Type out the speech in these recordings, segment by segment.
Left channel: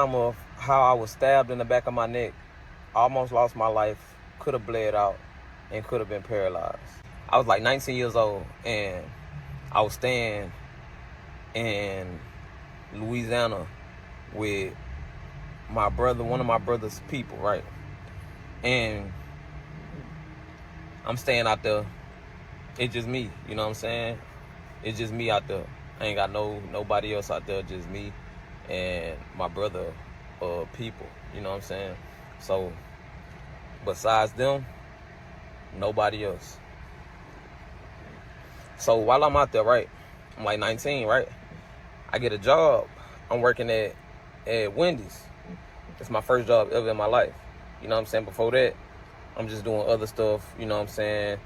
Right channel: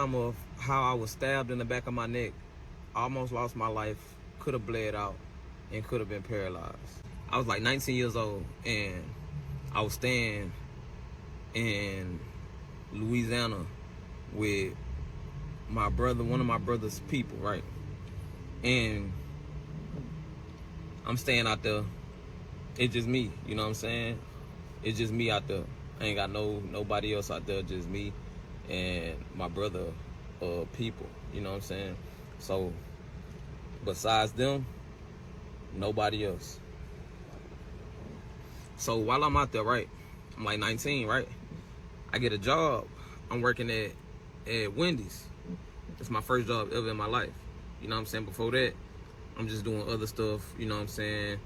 Of how I was stabbed in the back of my neck, almost lost my life, could have bled out, and could have been paralyzed. I was like 19 years old, and I was staying in Louisiana with my brother, one of my brother's people, right? And I'm staying out there. It's just me, you know what I'm saying? It's just me out there. I ain't got nobody else out there, just me and my brother people, you know what I'm saying? So besides them, nobody else. So while I'm out there, right, I'm like 19, right, I get a job. I'm working at Wendy's. It's my first job ever in my life, you know what I'm saying? Before that, I'm just doing other stuff, you know what I'm saying,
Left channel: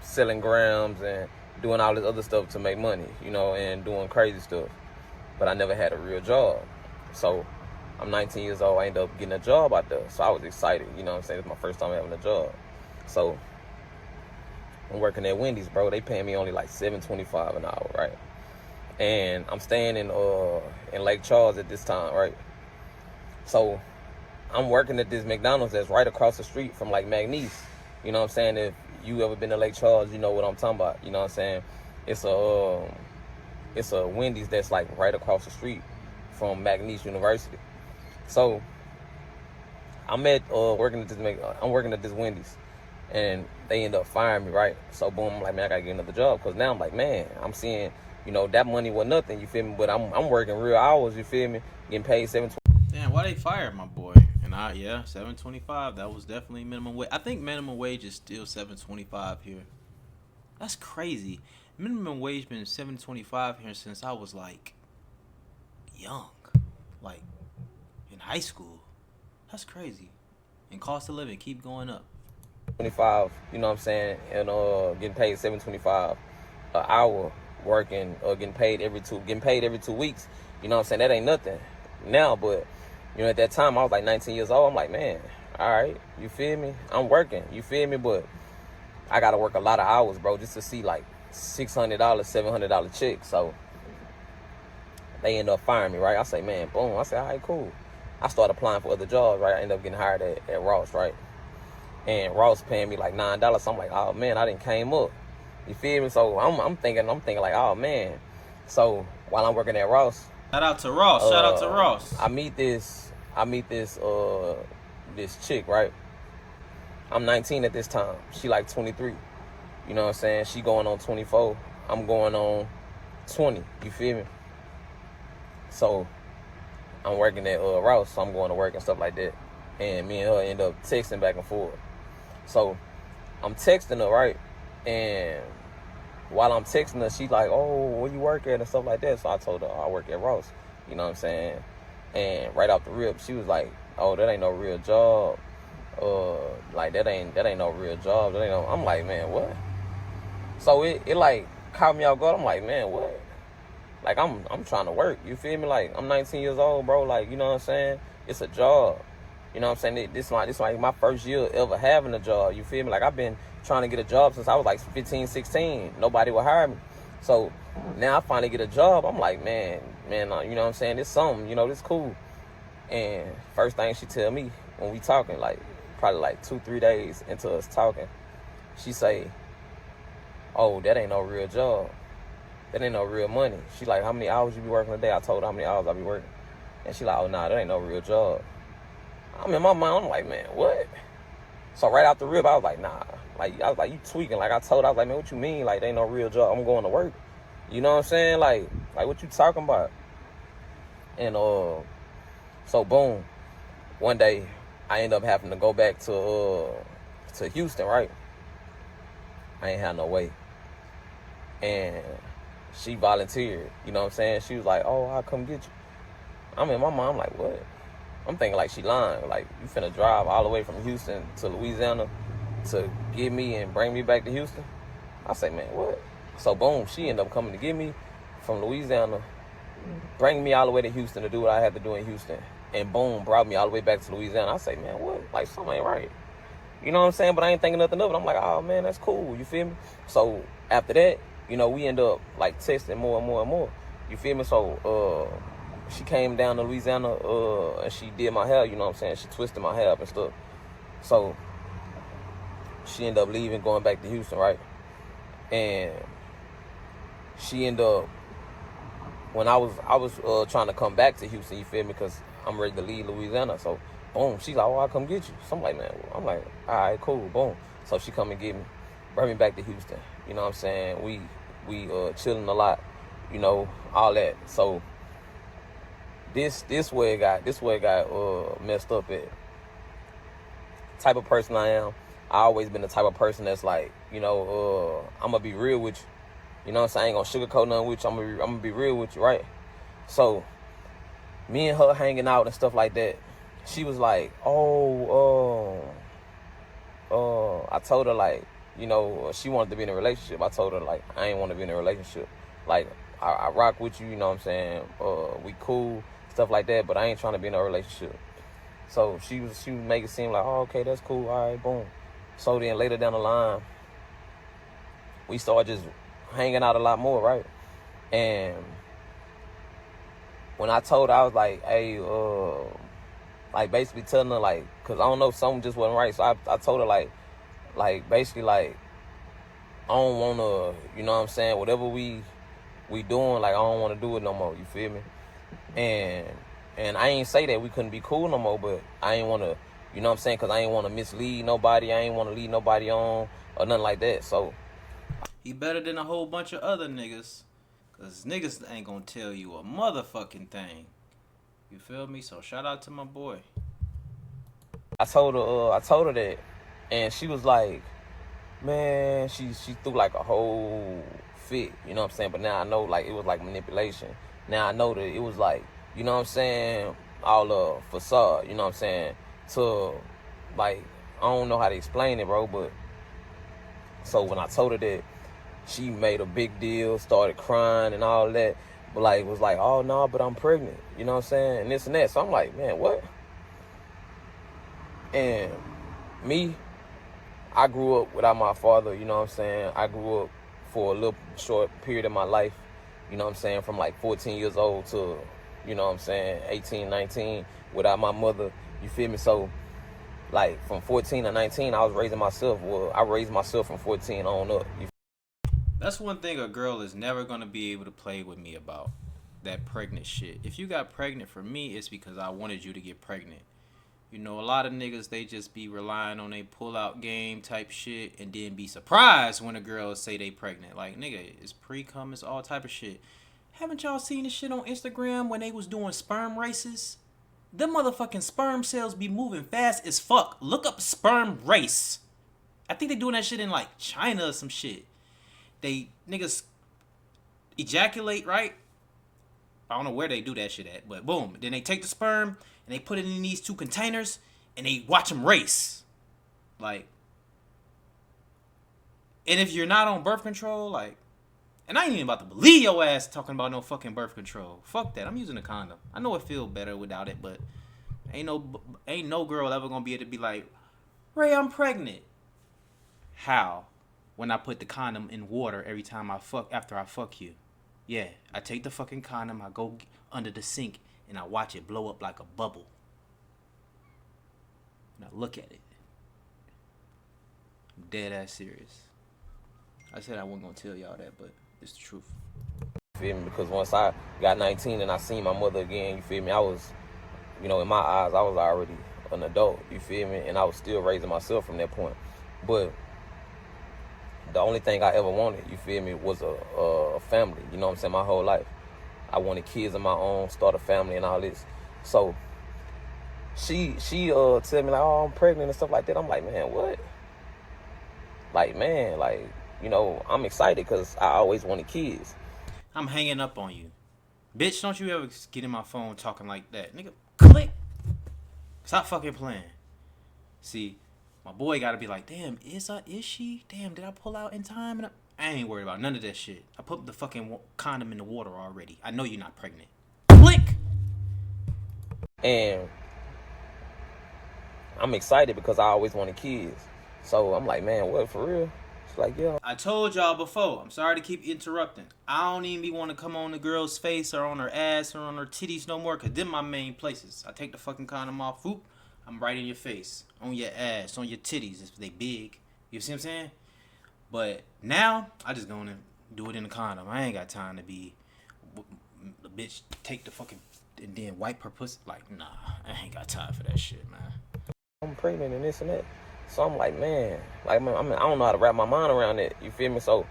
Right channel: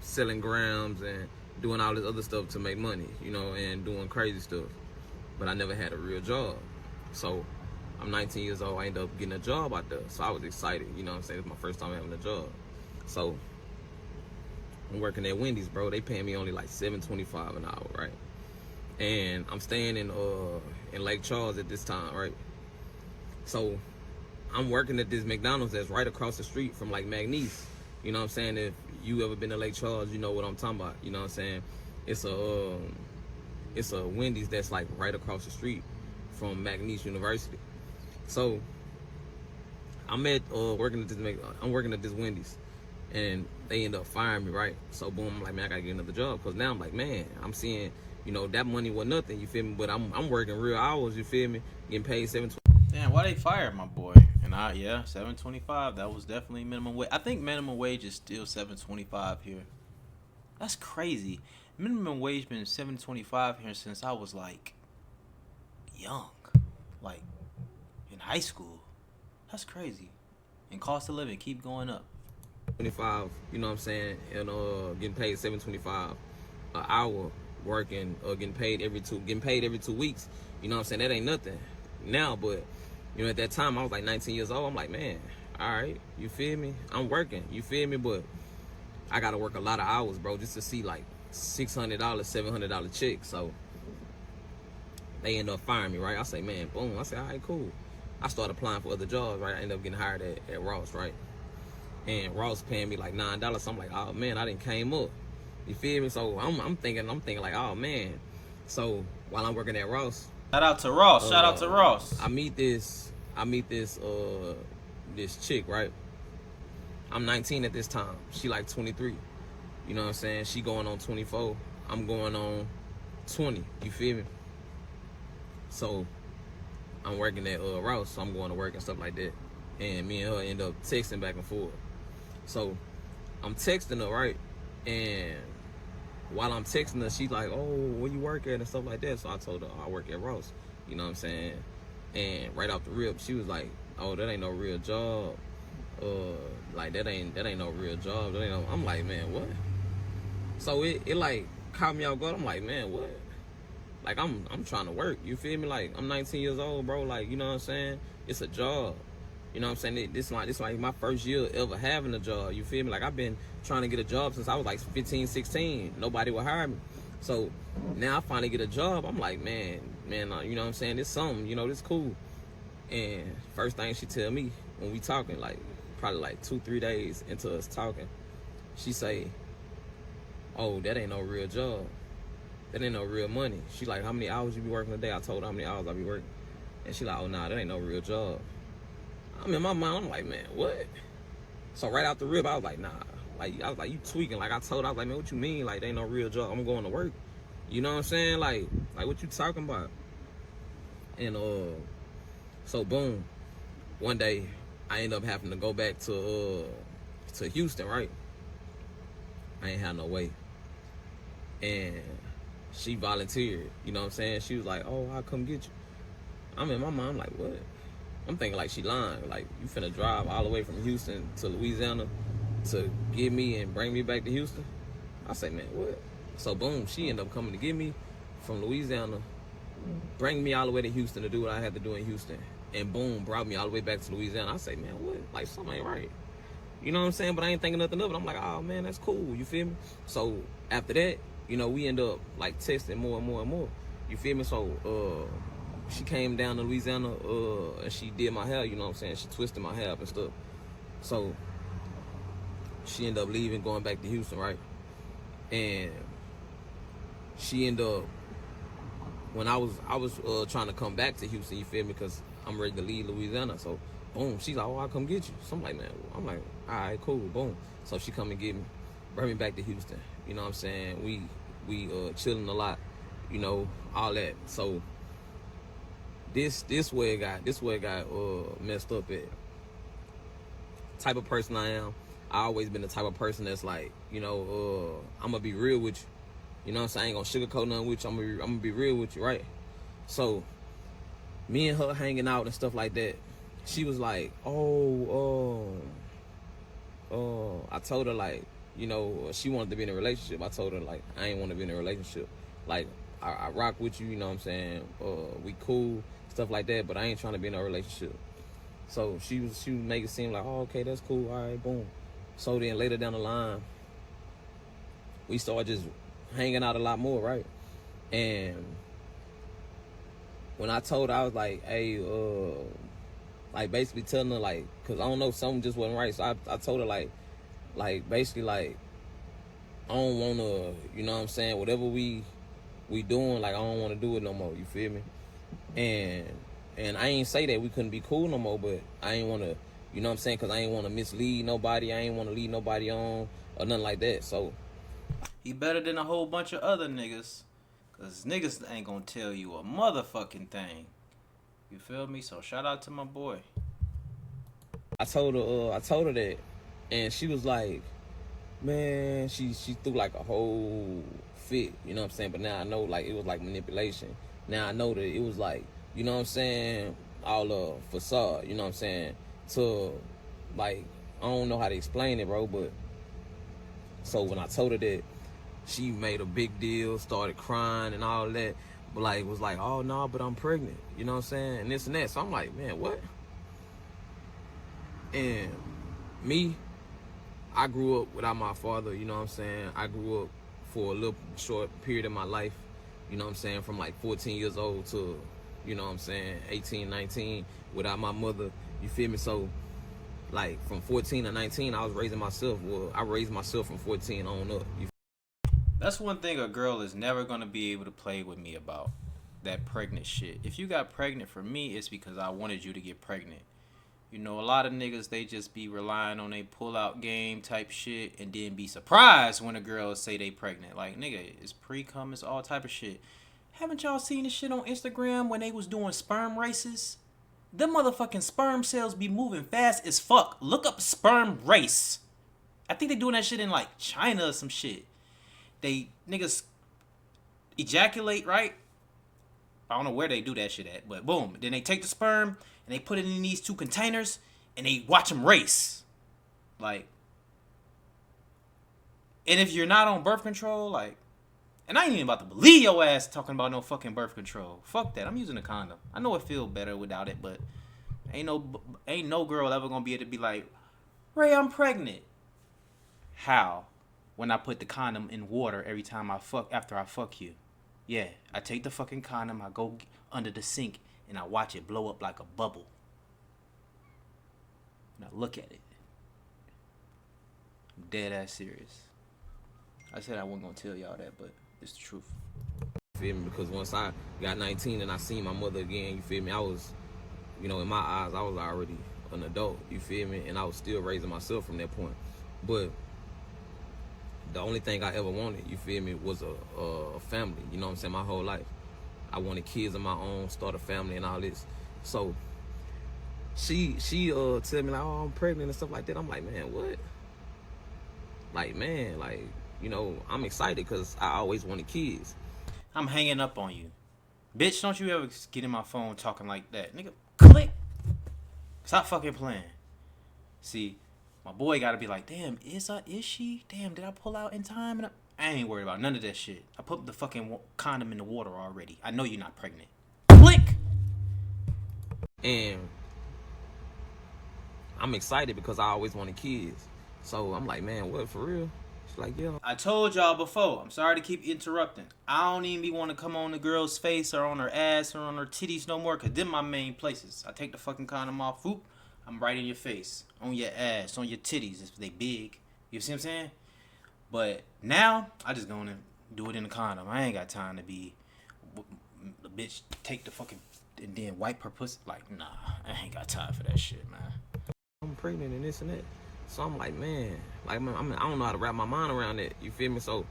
selling grams and doing all this other stuff to make money, you know, and doing crazy stuff. But I never had a real job. So I'm 19 years old, I ended up getting a job out there. So I was excited, you know what I'm saying? It's my first time having a job. So I'm working at Wendy's, bro. They paying me only like $7.25 an hour, right? And I'm staying in Lake Charles at this time, right? So I'm working at this McDonald's that's right across the street from like McNeese. You know what I'm saying? If you ever been to Lake Charles, you know what I'm talking about. You know what I'm saying? It's a Wendy's that's like right across the street from McNeese University. So I'm working at this Wendy's, and they end up firing me, right? So boom, I'm like, man, I gotta get another job, because now I'm like, man, I'm seeing, you know, that money was nothing, you feel me? But I'm working real hours, you feel me? Getting paid $7.20. Damn, why they fired my boy? And $7.25. That was definitely minimum wage. I think minimum wage is still $7.25 here. That's crazy. Minimum wage been $7.25 here since I was like young, like in high school. That's crazy. And cost of living keep going up. 25, you know what I'm saying, and getting paid $7.25 an hour, working getting paid every 2 weeks. You know what I'm saying? That ain't nothing now, but you know, at that time I was like 19 years old. I'm like, man, all right, you feel me? I'm working, you feel me? But I gotta work a lot of hours, bro, just to see like $600, $700 check. So they end up firing me, right? I say, man, boom. I say, all right, cool. I started applying for other jobs, right? I ended up getting hired at Ross, right? And Ross paying me like $9. So I'm like, oh man, I didn't came up. You feel me? So I'm thinking like, oh man. So while I'm working at Ross, Shout out to Ross. I meet this chick, right? I'm 19 at this time. She like 23. You know what I'm saying? She going on 24. I'm going on 20. You feel me? So I'm working at Ross, so I'm going to work and stuff like that. And me and her end up texting back and forth. So I'm texting her, right? And while I'm texting her, she's like, oh, where you work at and stuff like that. So I told her, I work at Ross. You know what I'm saying? And right off the rip, she was like, oh, that ain't no real job. Like that ain't no real job. That ain't no... I'm like, man, what? So it like caught me off guard. I'm like, man, what? Like I'm trying to work. You feel me? Like I'm 19 years old, bro. Like, you know what I'm saying? It's a job. You know what I'm saying? This like my first year ever having a job. You feel me? Like I've been trying to get a job since I was like 15, 16. Nobody would hire me. So now I finally get a job. I'm like, man, you know what I'm saying? This something, you know, this cool. And first thing she tell me when we talking, like probably like 2-3 days into us talking, she say, oh, that ain't no real job. That ain't no real money. She like, how many hours you be working a day? I told her how many hours I be working. And she like, oh, nah, that ain't no real job. I'm in my mind, I'm like, man, what? So right out the rib, I was like, nah. Like, I was like, you tweaking. Like, I told her, I was like, man, what you mean? Like, they ain't no real job. I'm going to work. You know what I'm saying? Like what you talking about? And, so boom. One day, I end up having to go back to Houston, right? I ain't had no way. And she volunteered, you know what I'm saying? She was like, oh, I'll come get you. I'm in my mind, I'm like, what? I'm thinking like she lying. Like, you finna drive all the way from Houston to Louisiana to get me and bring me back to Houston? I say, man, what? So boom, she ended up coming to get me from Louisiana, bring me all the way to Houston to do what I had to do in Houston. And boom, brought me all the way back to Louisiana. I say, man, what? Like, something ain't right. You know what I'm saying? But I ain't thinking nothing of it. I'm like, oh man, that's cool. You feel me? So after that, you know, we end up like texting more and more and more. You feel me? So she came down to Louisiana, and she did my hair, you know what I'm saying? She twisted my hair up and stuff. So she ended up leaving, going back to Houston, right? And she ended up, when I was trying to come back to Houston, you feel me? Because I'm ready to leave Louisiana. So boom, she's like, oh, I'll come get you. So I'm like, man, I'm like, all right, cool, boom. So she come and get me, bring me back to Houston. You know what I'm saying? We chilling a lot, you know, all that. So this where it got messed up at. Type of person I am, I always been the type of person that's like, you know, I'm gonna be real with you. You know what I'm saying? I ain't gonna sugarcoat nothing with you. I'm gonna be real with you, right? So me and her hanging out and stuff like that. She was like, I told her, like, you know, she wanted to be in a relationship. I told her, like, I ain't want to be in a relationship. Like, I rock with you, you know what I'm saying? We cool, stuff like that, but I ain't trying to be in a relationship. So she was making it seem like, oh, okay, that's cool, all right, boom. So then later down the line, we started just hanging out a lot more, right? And when I told her, I was like, hey, like basically telling her, like, cause I don't know, something just wasn't right. So I told her, like basically, like, I don't wanna, you know what I'm saying, whatever we doing, like, I don't wanna do it no more, you feel me? And I ain't say that we couldn't be cool no more, but I ain't wanna, you know what I'm saying, cause I ain't wanna mislead nobody, I ain't wanna lead nobody on, or nothing like that, so. He better than a whole bunch of other niggas, cause niggas ain't gonna tell you a motherfucking thing. You feel me? So shout out to my boy. I told her that, and she was like, man, she threw like a whole fit, you know what I'm saying? But now I know, like, it was like manipulation. Now I know that it was like, you know what I'm saying, all facade, you know what I'm saying? To, like, I don't know how to explain it, bro, but so when I told her that, she made a big deal, started crying and all that, but like, was like, oh no, but I'm pregnant, you know what I'm saying? And this and that. So I'm like, man, what? And me, I grew up without my father, you know what I'm saying? I grew up for a little short period of my life, you know what I'm saying? From like 14 years old to, you know what I'm saying, 18, 19, without my mother, you feel me? So, like, from 14 to 19, I was raising myself. Well, I raised myself from 14 on up. That's one thing a girl is never gonna be able to play with me about. That pregnant shit. If you got pregnant for me, it's because I wanted you to get pregnant. You know, a lot of niggas, they just be relying on a pull-out game type shit and then be surprised when a girl say they pregnant. Like, nigga, it's pre-cum, it's all type of shit. Haven't y'all seen this shit on Instagram when they was doing sperm races? Them motherfucking sperm cells be moving fast as fuck. Look up sperm race. I think they doing that shit in, like, China or some shit. They, niggas ejaculate, right? I don't know where they do that shit at, but boom. Then they take the sperm and they put it in these two containers and they watch them race. Like, and if you're not on birth control, like, and I ain't even about to believe your ass talking about no fucking birth control. Fuck that. I'm using a condom. I know it feel better without it, but ain't no girl ever gonna be able to be like, Ray, I'm pregnant. How? When I put the condom in water every time after I fuck you. Yeah, I take the fucking condom, I go under the sink, and I watch it blow up like a bubble. Now look at it. I'm dead ass serious. I said I wasn't gonna tell y'all that, but it's the truth. You feel me? Because once I got 19 and I seen my mother again, you feel me? I was, you know, in my eyes, I was already an adult, you feel me? And I was still raising myself from that point. But the only thing I ever wanted, you feel me, was a family, you know what I'm saying, my whole life. I wanted kids of my own, start a family and all this. So she tell me like, oh, I'm pregnant and stuff like that. I'm like, man, what? Like, man, like, you know, I'm excited because I always wanted kids. I'm hanging up on you. Bitch, don't you ever get in my phone talking like that. Nigga, click. Stop fucking playing. See, my boy gotta be like, damn, is she? Damn, did I pull out in time? And I ain't worried about none of that shit. I put the fucking condom in the water already. I know you're not pregnant. Click! And I'm excited because I always wanted kids. So I'm like, man, what, for real? She's like, yeah. I told y'all before. I'm sorry to keep interrupting. I don't even be want to come on the girl's face or on her ass or on her titties no more, because them my main places. I take the fucking condom off, whoop, I'm right in your face, on your ass, on your titties if they big. You see what I'm saying? But now, I just gonna do it in the condom. I ain't got time to be the bitch take the fucking and then wipe her pussy. Like, nah, I ain't got time for that shit, man. I'm pregnant and this and that. So I'm like, man, like I don't know how to wrap my mind around it. You feel me? So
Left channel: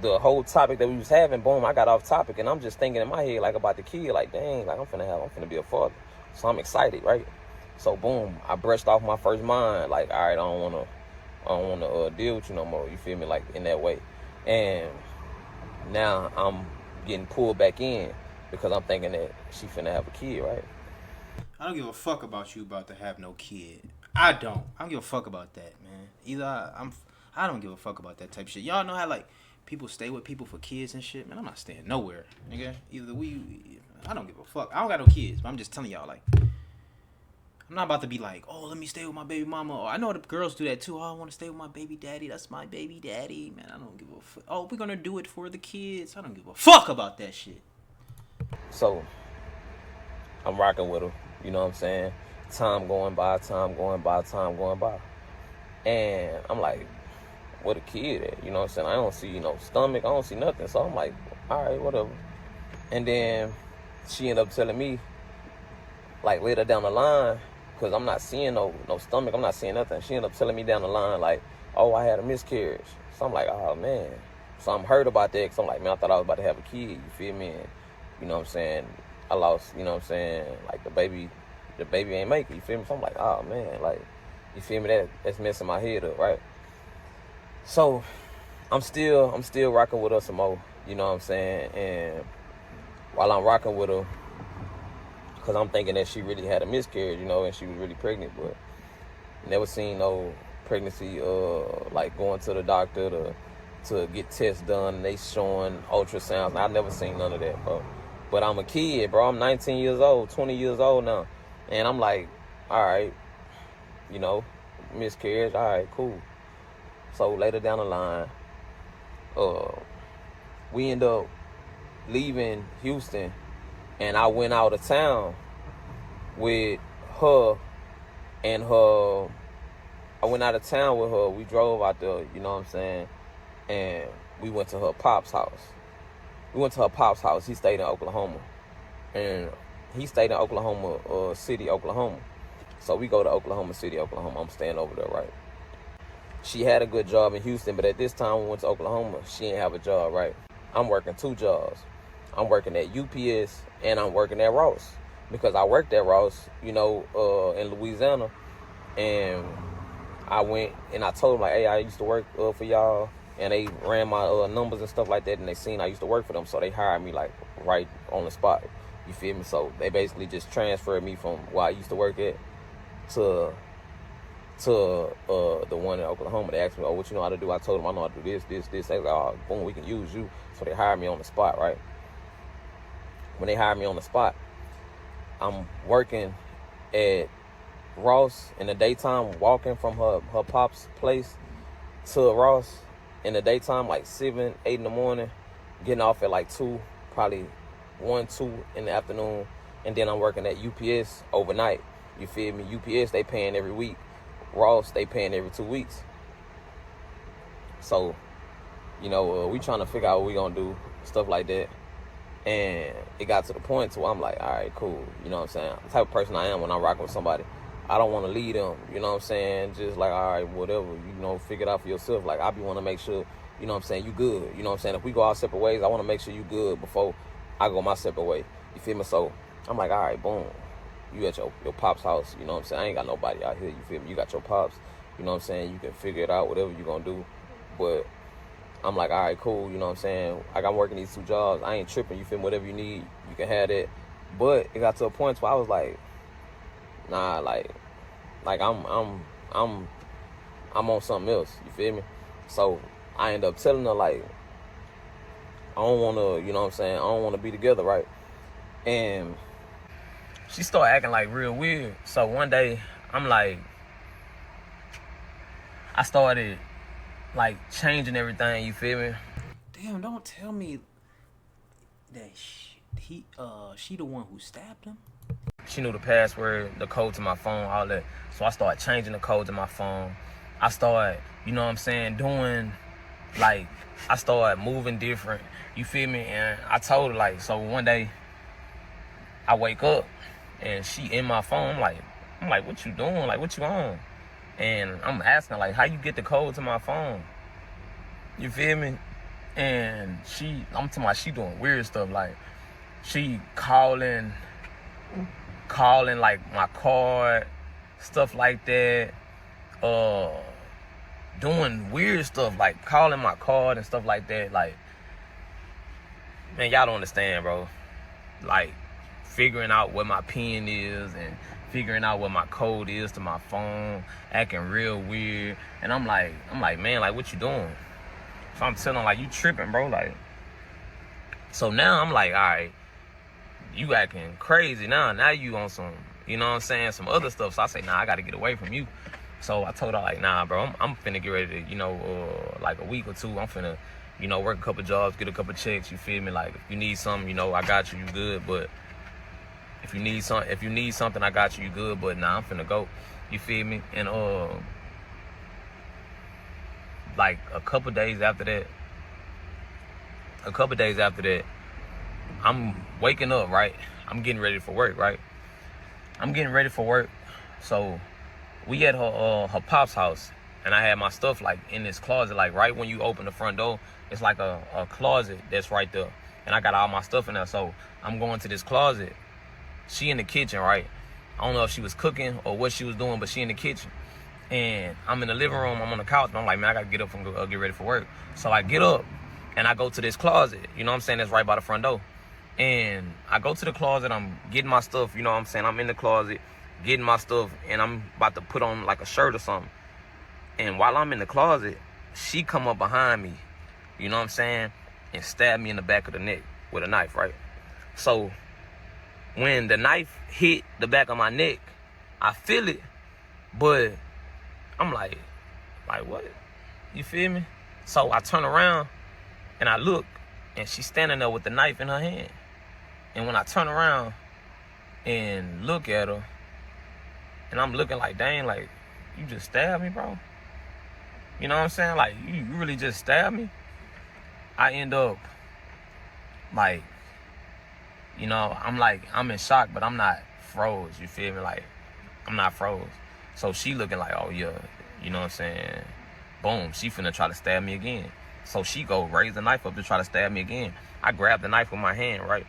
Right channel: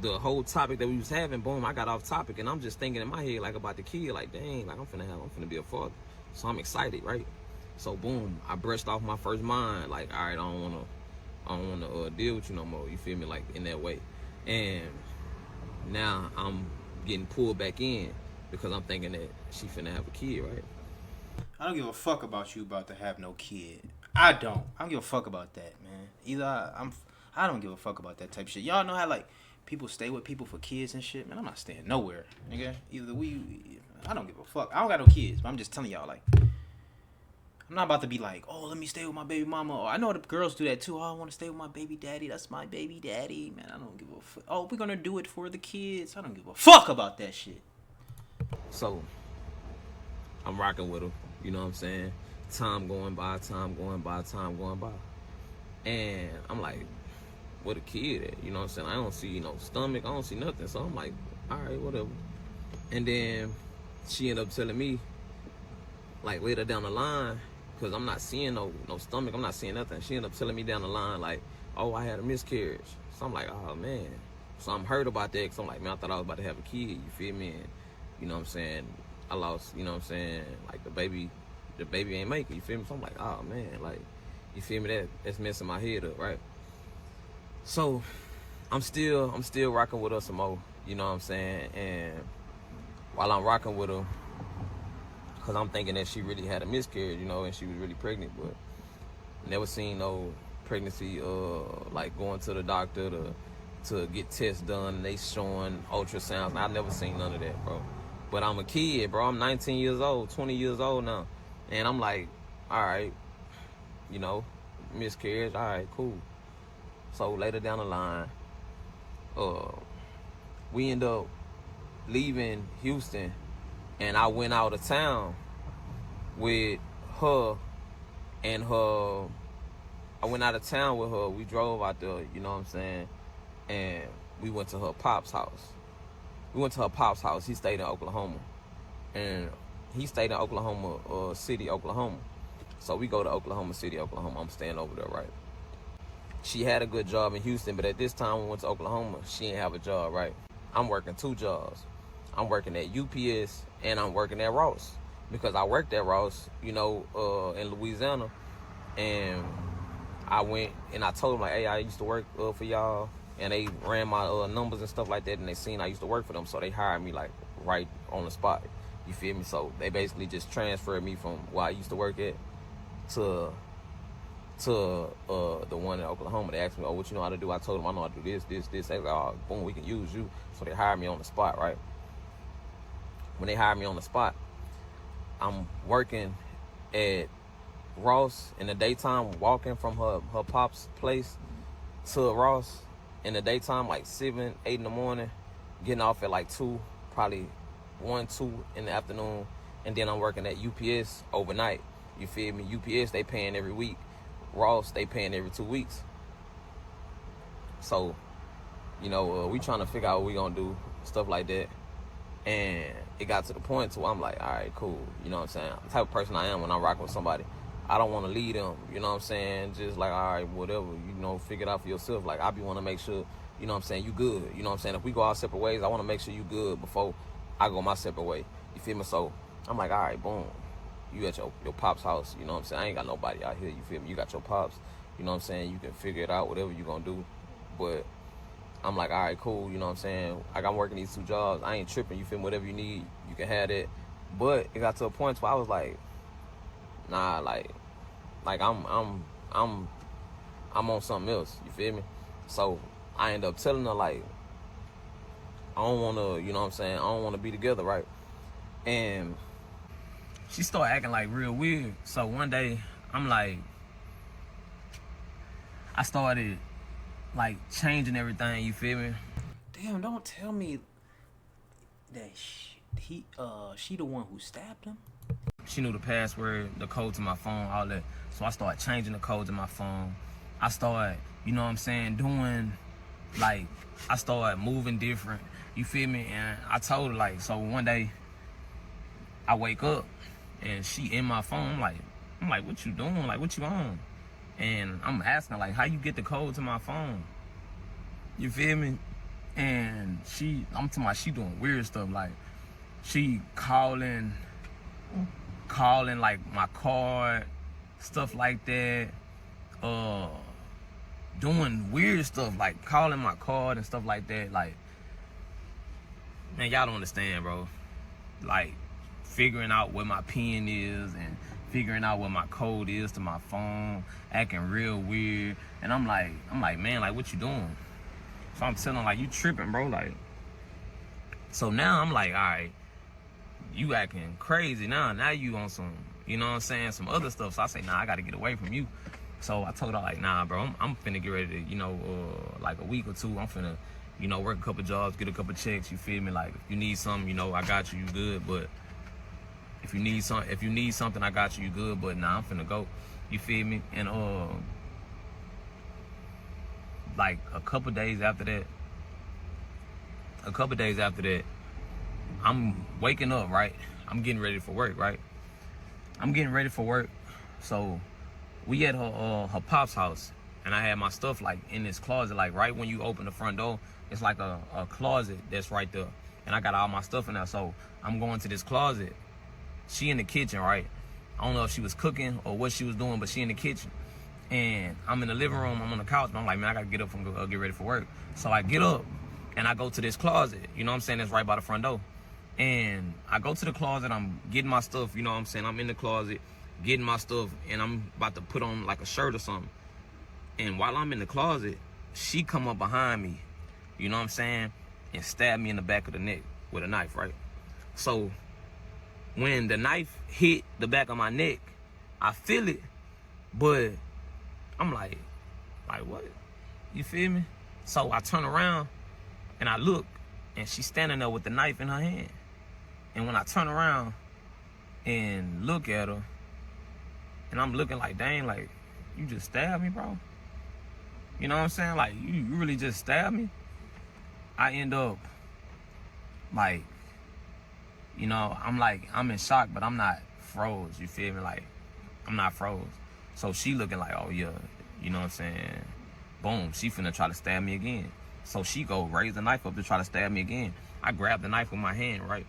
the whole topic that we was having, boom, I got off topic, and I'm just thinking in my head like about the kid, like dang, like I'm finna be a father. So I'm excited, right? So boom, I brushed off my first mind, like all right, I don't wanna deal with you no more. You feel me? Like in that way, and now I'm getting pulled back in because I'm thinking that she finna have a kid, right? I don't give a fuck about you about to have no kid. I don't give a fuck about that, man. Either I don't give a fuck about that type of shit. Y'all know how like people stay with people for kids and shit, man. I'm not staying nowhere, nigga. I don't give a fuck. I don't got no kids, but I'm just telling y'all like, I'm not about to be like, oh, let me stay with my baby mama. Or I know the girls do that too. Oh, I want to stay with my baby daddy. That's my baby daddy, man. I don't give a fuck. Oh, we're gonna do it for the kids. I don't give a fuck about that shit. So I'm rocking with her. You know what I'm saying? Time going by. And I'm like, what a kid at? You know what I'm saying? I don't see no stomach. I don't see nothing. So I'm like, all right, whatever. And then she ended up telling me, like later down the line, because I'm not seeing no stomach. I'm not seeing nothing. She ended up telling me down the line, like, oh, I had a miscarriage. So I'm like, oh, man. So I'm hurt about that because I'm like, man, I thought I was about to have a kid. You feel me? And, you know what I'm saying? I lost, you know what I'm saying? Like, the baby ain't make it. You feel me? So I'm like, oh, man. Like, you feel me? That's messing my head up, right? So I'm still rocking with her some more. You know what I'm saying? And while I'm rocking with her, because I'm thinking that she really had a miscarriage, you know, and she was really pregnant, but never seen no pregnancy, like going to the doctor to get tests done, and they showing ultrasounds. I never seen none of that, bro. But I'm a kid, bro. I'm 19 years old, 20 years old now. And I'm like, all right, you know, miscarriage, all right, cool. So later down the line, we end up leaving Houston, and I went out of town with her and her. I went out of town with her. We drove out there, you know what I'm saying? And we went to her pop's house. He stayed in Oklahoma. And he stayed in Oklahoma City, Oklahoma. So we go to Oklahoma City, Oklahoma. I'm staying over there, right? She had a good job in Houston, but at this time we went to Oklahoma, she didn't have a job, right? I'm working 2 jobs. I'm working at UPS and I'm working at Ross. Because I worked at Ross, you know, in Louisiana. And I went and I told them, like, hey, I used to work for y'all. And they ran my numbers and stuff like that. And they seen I used to work for them. So they hired me, like, right on the spot. You feel me? So they basically just transferred me from where I used to work at to the one in Oklahoma. They asked me, oh, what you know how to do? I told them I know how to do this. They was like, oh, boom, we can use you. So they hired me on the spot, right? When they hired me on the spot, I'm working at Ross in the daytime, walking from her pop's place to Ross in the daytime, like 7, 8 in the morning, getting off at like 2, probably 1, 2 in the afternoon, and then I'm working at UPS overnight. You feel me? UPS, they paying every week. Ross, they paying every 2 weeks. So, you know, we trying to figure out what we gonna do, stuff like that. And it got to the point to where I'm like, all right, cool. You know what I'm saying? The type of person I am when I'm rocking with somebody, I don't want to lead them. You know what I'm saying? Just like, all right, whatever. You know, figure it out for yourself. Like, I be want to make sure, you know what I'm saying, you good. You know what I'm saying? If we go our separate ways, I want to make sure you good before I go my separate way. You feel me? So I'm like, all right, boom. You at your pop's house, you know what I'm saying? I ain't got nobody out here, you feel me? You got your pops, you know what I'm saying? You can figure it out, whatever you gonna do. But I'm like, all right, cool, you know what I'm saying? I got working these 2 jobs. I ain't tripping, you feel me? Whatever you need, you can have that. But it got to a point where I was like, nah, like I'm on something else, you feel me? So I end up telling her, like, I don't wanna, you know what I'm saying? I don't wanna be together, right? And she started acting like real weird. So one day, I'm like, I started like changing everything. You feel me? Damn, don't tell me that she the one who stabbed him. She knew the password, the code to my phone, all that. So I started changing the code to my phone. I started, you know what I'm saying, doing, like, I started moving different. You feel me? And I told her, like, so one day I wake up and she in my phone. I'm like, what you doing? Like, what you on? And I'm asking, like, how you get the code to my phone? You feel me? And I'm talking about she doing weird stuff. Like, she calling like my card, stuff like that. Doing weird stuff, like calling my card and stuff like that. Like, man, y'all don't understand, bro. Like, figuring out what my pin is and figuring out what my code is to my phone, acting real weird. And I'm like, man, like, what you doing? So I'm telling her, like, you tripping, bro. Like, so now I'm like, all right, you acting crazy now. Now you on some, you know what I'm saying, some other stuff. So I say, nah, I got to get away from you. So I told her, like, nah, bro, I'm finna get ready to, you know, like a week or two, I'm finna, you know, work a couple jobs, get a couple checks, you feel me? Like, if you need something, you know, I got you, you good. But if you need something, I got you, you good. But nah, I'm finna go, you feel me? And like a couple days after that, I'm waking up, right? I'm getting ready for work, right? So we at her pop's house, and I had my stuff like in this closet. Like, right when you open the front door, it's like a closet that's right there, and I got all my stuff in there. So I'm going to this closet. She in the kitchen, right? I don't know if she was cooking or what she was doing, but she in the kitchen. And I'm in the living room, I'm on the couch, but I'm like, man, I gotta get up and get ready for work. So I get up and I go to this closet, you know what I'm saying, that's right by the front door. And I go to the closet, I'm getting my stuff, you know what I'm saying, I'm in the closet, getting my stuff, and I'm about to put on like a shirt or something. And while I'm in the closet, she come up behind me, you know what I'm saying, and stab me in the back of the neck with a knife, right? So when the knife hit the back of my neck, I feel it, but I'm like what? You feel me? So I turn around and I look, and she's standing there with the knife in her hand. And when I turn around and look at her, and I'm looking like, dang, like, you just stabbed me, bro? You know what I'm saying? Like, you really just stabbed me? I end up, like, you know, I'm in shock, but I'm not froze, you feel me? Like, I'm not froze. So she looking like, oh yeah, you know what I'm saying? Boom, she finna try to stab me again. So she go raise the knife up to try to stab me again. I grab the knife with my hand, right?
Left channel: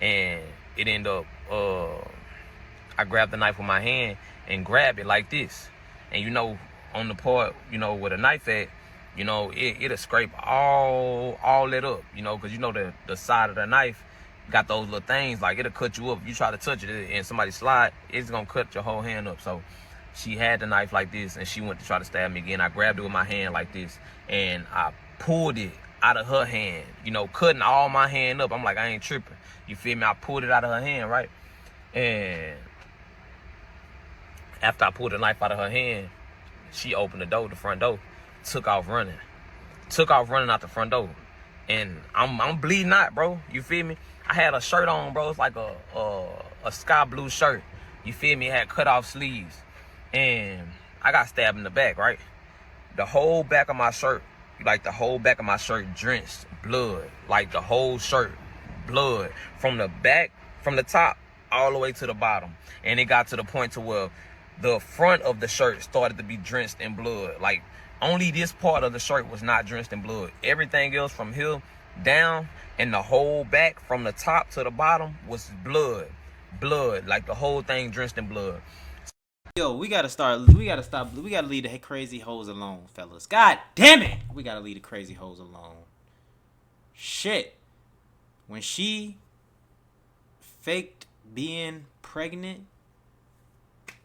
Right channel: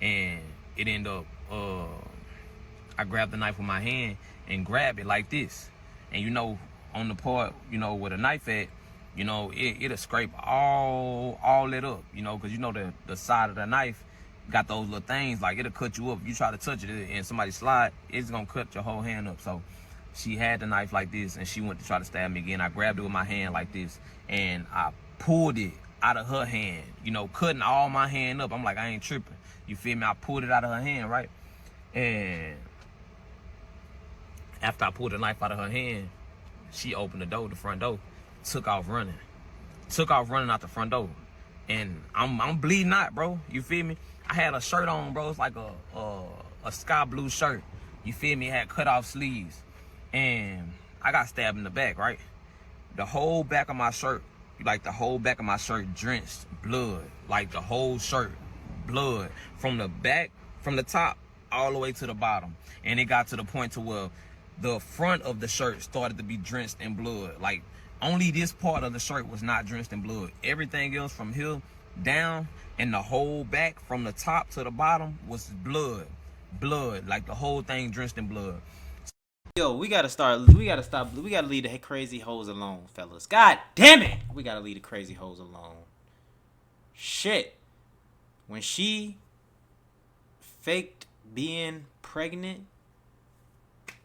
And it end up, I grab the knife with my hand and grab it like this. And you know, on the part, you know, with a knife at, you know, it'll scrape all that up, you know, because you know the side of the knife got those little things, like it'll cut you up. If you try to touch it and somebody slide, it's gonna cut your whole hand up. So she had the knife like this, and she went to try to stab me again. I grabbed it with my hand like this, and I pulled it out of her hand, you know, cutting all my hand up. I'm like, I ain't tripping. You feel me? I pulled it out of her hand, right? And after I pulled the knife out of her hand, she opened the door, the front door, took off running out the front door. And I'm bleeding out, bro. You feel me? I had a shirt on, bro. It's like a sky blue shirt. You feel me? It had cut off sleeves. And I got stabbed in the back, right? The whole back of my shirt, drenched blood. Like the whole shirt, blood. From the back, from the top, all the way to the bottom. And it got to the point to where the front of the shirt started to be drenched in blood. Like, only this part of the shirt was not drenched in blood. Everything else from here down and the whole back from the top to the bottom was blood. Like the whole thing drenched in blood. Yo, we gotta stop. We gotta leave the crazy hoes alone, fellas. God damn it, we gotta leave the crazy hoes alone. Shit, when she faked being pregnant,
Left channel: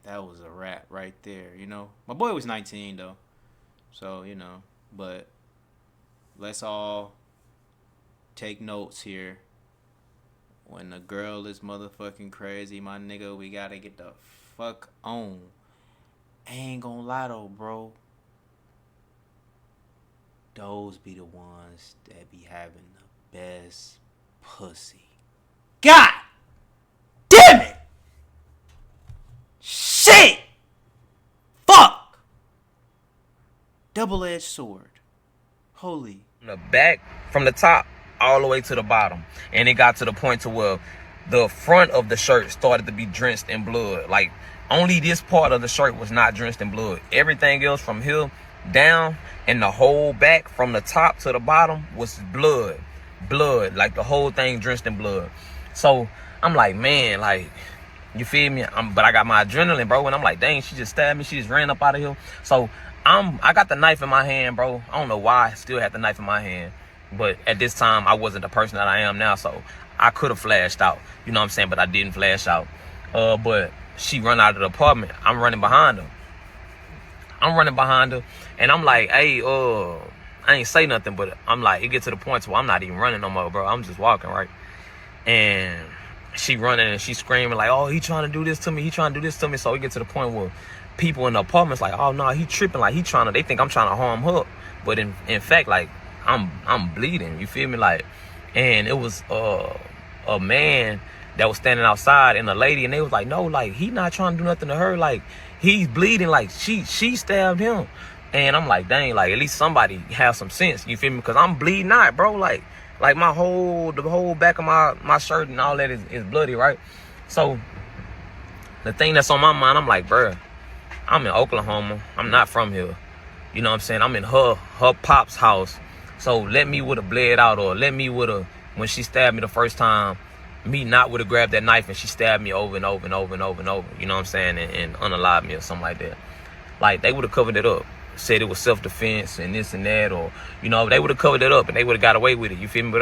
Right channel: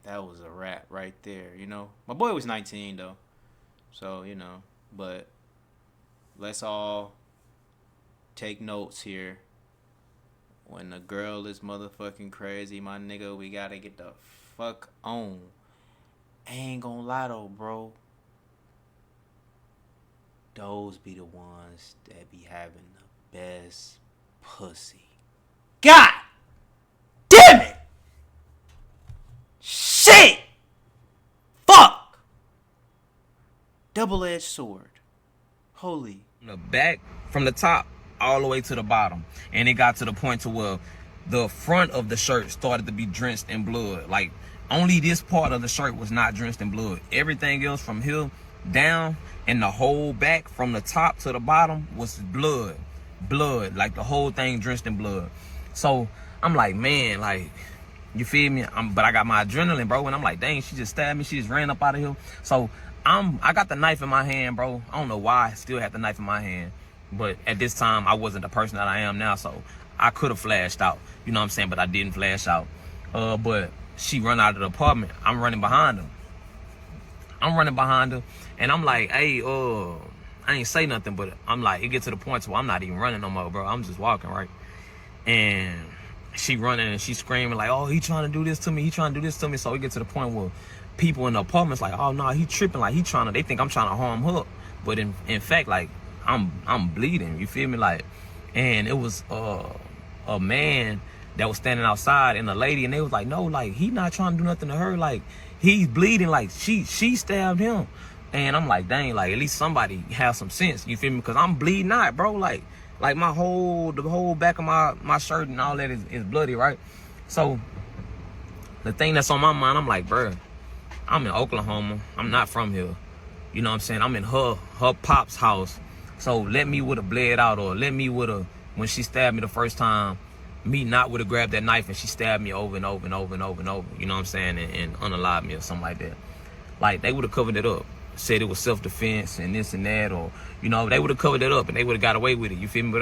that was a wrap right there. You know, my boy was 19 though, so you know. But let's all take notes here. When the girl is motherfucking crazy, my nigga, we gotta get the fuck on. I ain't gonna lie though, bro. those be the ones that be having the best pussy. God damn it! Shit! Fuck! Double-edged sword. Holy. From the back, from the top, all the way to the bottom. And it got to the point to where the front of the shirt started to be drenched in blood. Like, only this part of the shirt was not drenched in blood. Everything else from here down and the whole back from the top to the bottom was blood. Blood. Like, the whole thing drenched in blood. So, I'm like, man, like, you feel me? But I got my adrenaline, bro. And I'm like, dang, she just stabbed me. She just ran up out of here. So, I got the knife in my hand, bro. I don't know why I still had the knife in my hand. But at this time, I wasn't the person that I am now. So, I could have flashed out. You know what I'm saying? But I didn't flash out. But she run out of the apartment. I'm running behind her. And I'm like, hey, I ain't say nothing. But I'm like, it gets to the point where I'm not even running no more, bro. I'm just walking, right? And she running and she screaming like, oh, he trying to do this to me. He trying to do this to me. So we get to the point where people in the apartment's like, oh, no, he tripping. Like, they think I'm trying to harm her. But in fact, like, I'm bleeding. You feel me? Like, and it was a man that was standing outside and a lady, and they was like, no, like, he not trying to do nothing to her. Like, he's bleeding. Like, she stabbed him. And I'm like, dang, like, at least somebody has some sense. You feel me? Because I'm bleeding out, bro. Like the whole back of my shirt and all that is bloody, right? So the thing that's on my mind, I'm like, bro, I'm in Oklahoma. I'm not from here. You know what I'm saying? I'm in her pop's house. So let me would have bled out, or let me would have, when she stabbed me the first time, me not would have grabbed that knife and she stabbed me over and over and over and over and over. You know what I'm saying? And unalived me or something like that. Like, they would have covered it up. Said it was self-defense and this and that, or, you know, they would have covered it up and they would have got away with it. You feel me?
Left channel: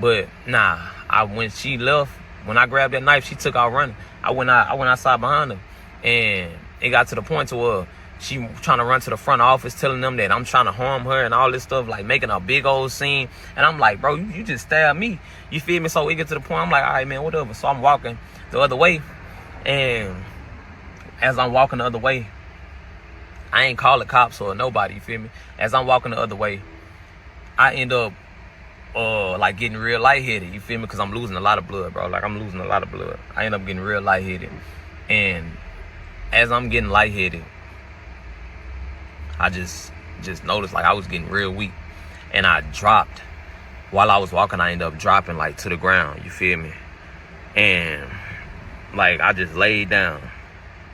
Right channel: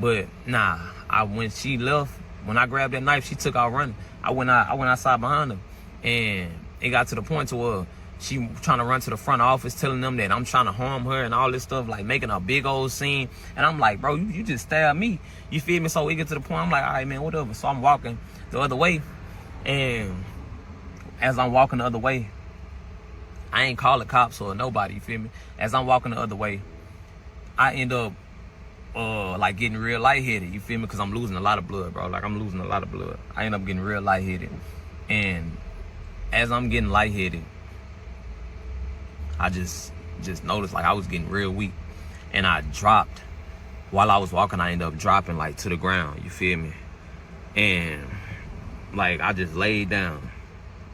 But nah, when she left, when I grabbed that knife, she took out running. I went outside behind her, and it got to the point to where she trying to run to the front office, telling them that I'm trying to harm her and all this stuff, like making a big old scene. And I'm like, bro, you just stabbed me. You feel me? So we get to the point, I'm like, all right, man, whatever. So I'm walking the other way, and as I'm walking the other way, I ain't call the cops or nobody, you feel me? As I'm walking the other way, I end up like getting real lightheaded, you feel me? Because I'm losing a lot of blood, bro. Like, I'm losing a lot of blood. I end up getting real lightheaded. And as I'm getting lightheaded, I just noticed, like, I was getting real weak. And I dropped. While I was walking, I ended up dropping, like, to the ground, you feel me? And, like, I just laid down.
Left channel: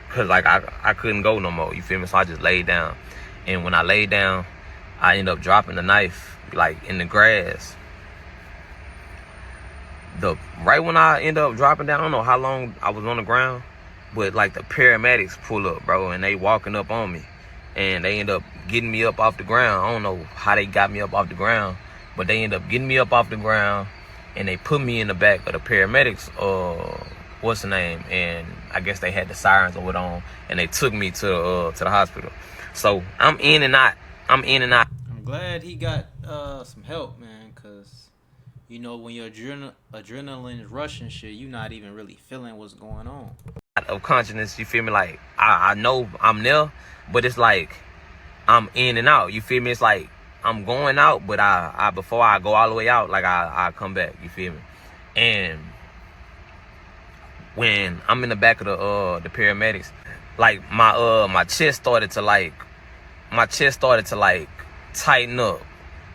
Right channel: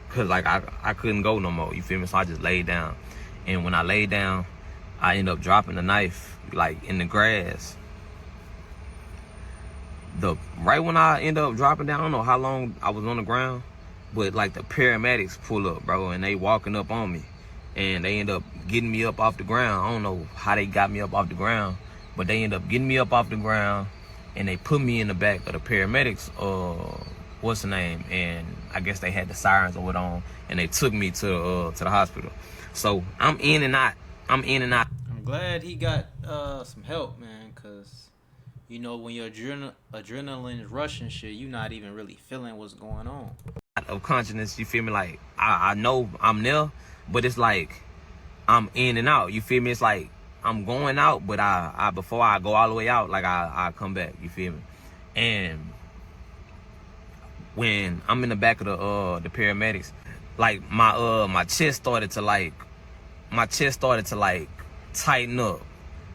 Cause like I couldn't go no more, you feel me? So I just laid down. And when I laid down, I ended up dropping the knife, like, in the grass. Right when I ended up dropping down, I don't know how long I was on the ground, but like the paramedics pull up, bro, and they walking up on me. And they end up getting me up off the ground. I don't know how they got me up off the ground, but they end up getting me up off the ground, and they put me in the back of the paramedics, what's the name? And I guess they had the sirens or what on, and they took me to the hospital. So I'm in and out. I'm glad he got some help, man, because, you know, when your adrenaline is rushing shit, you not even really feeling what's going on. Of consciousness, you feel me? Like, I know I'm there, but it's like I'm in and out. You feel me? It's like I'm going out, but I before I go all the way out, like I come back. You feel me? And when I'm in the back of the paramedics, like my chest started to tighten up.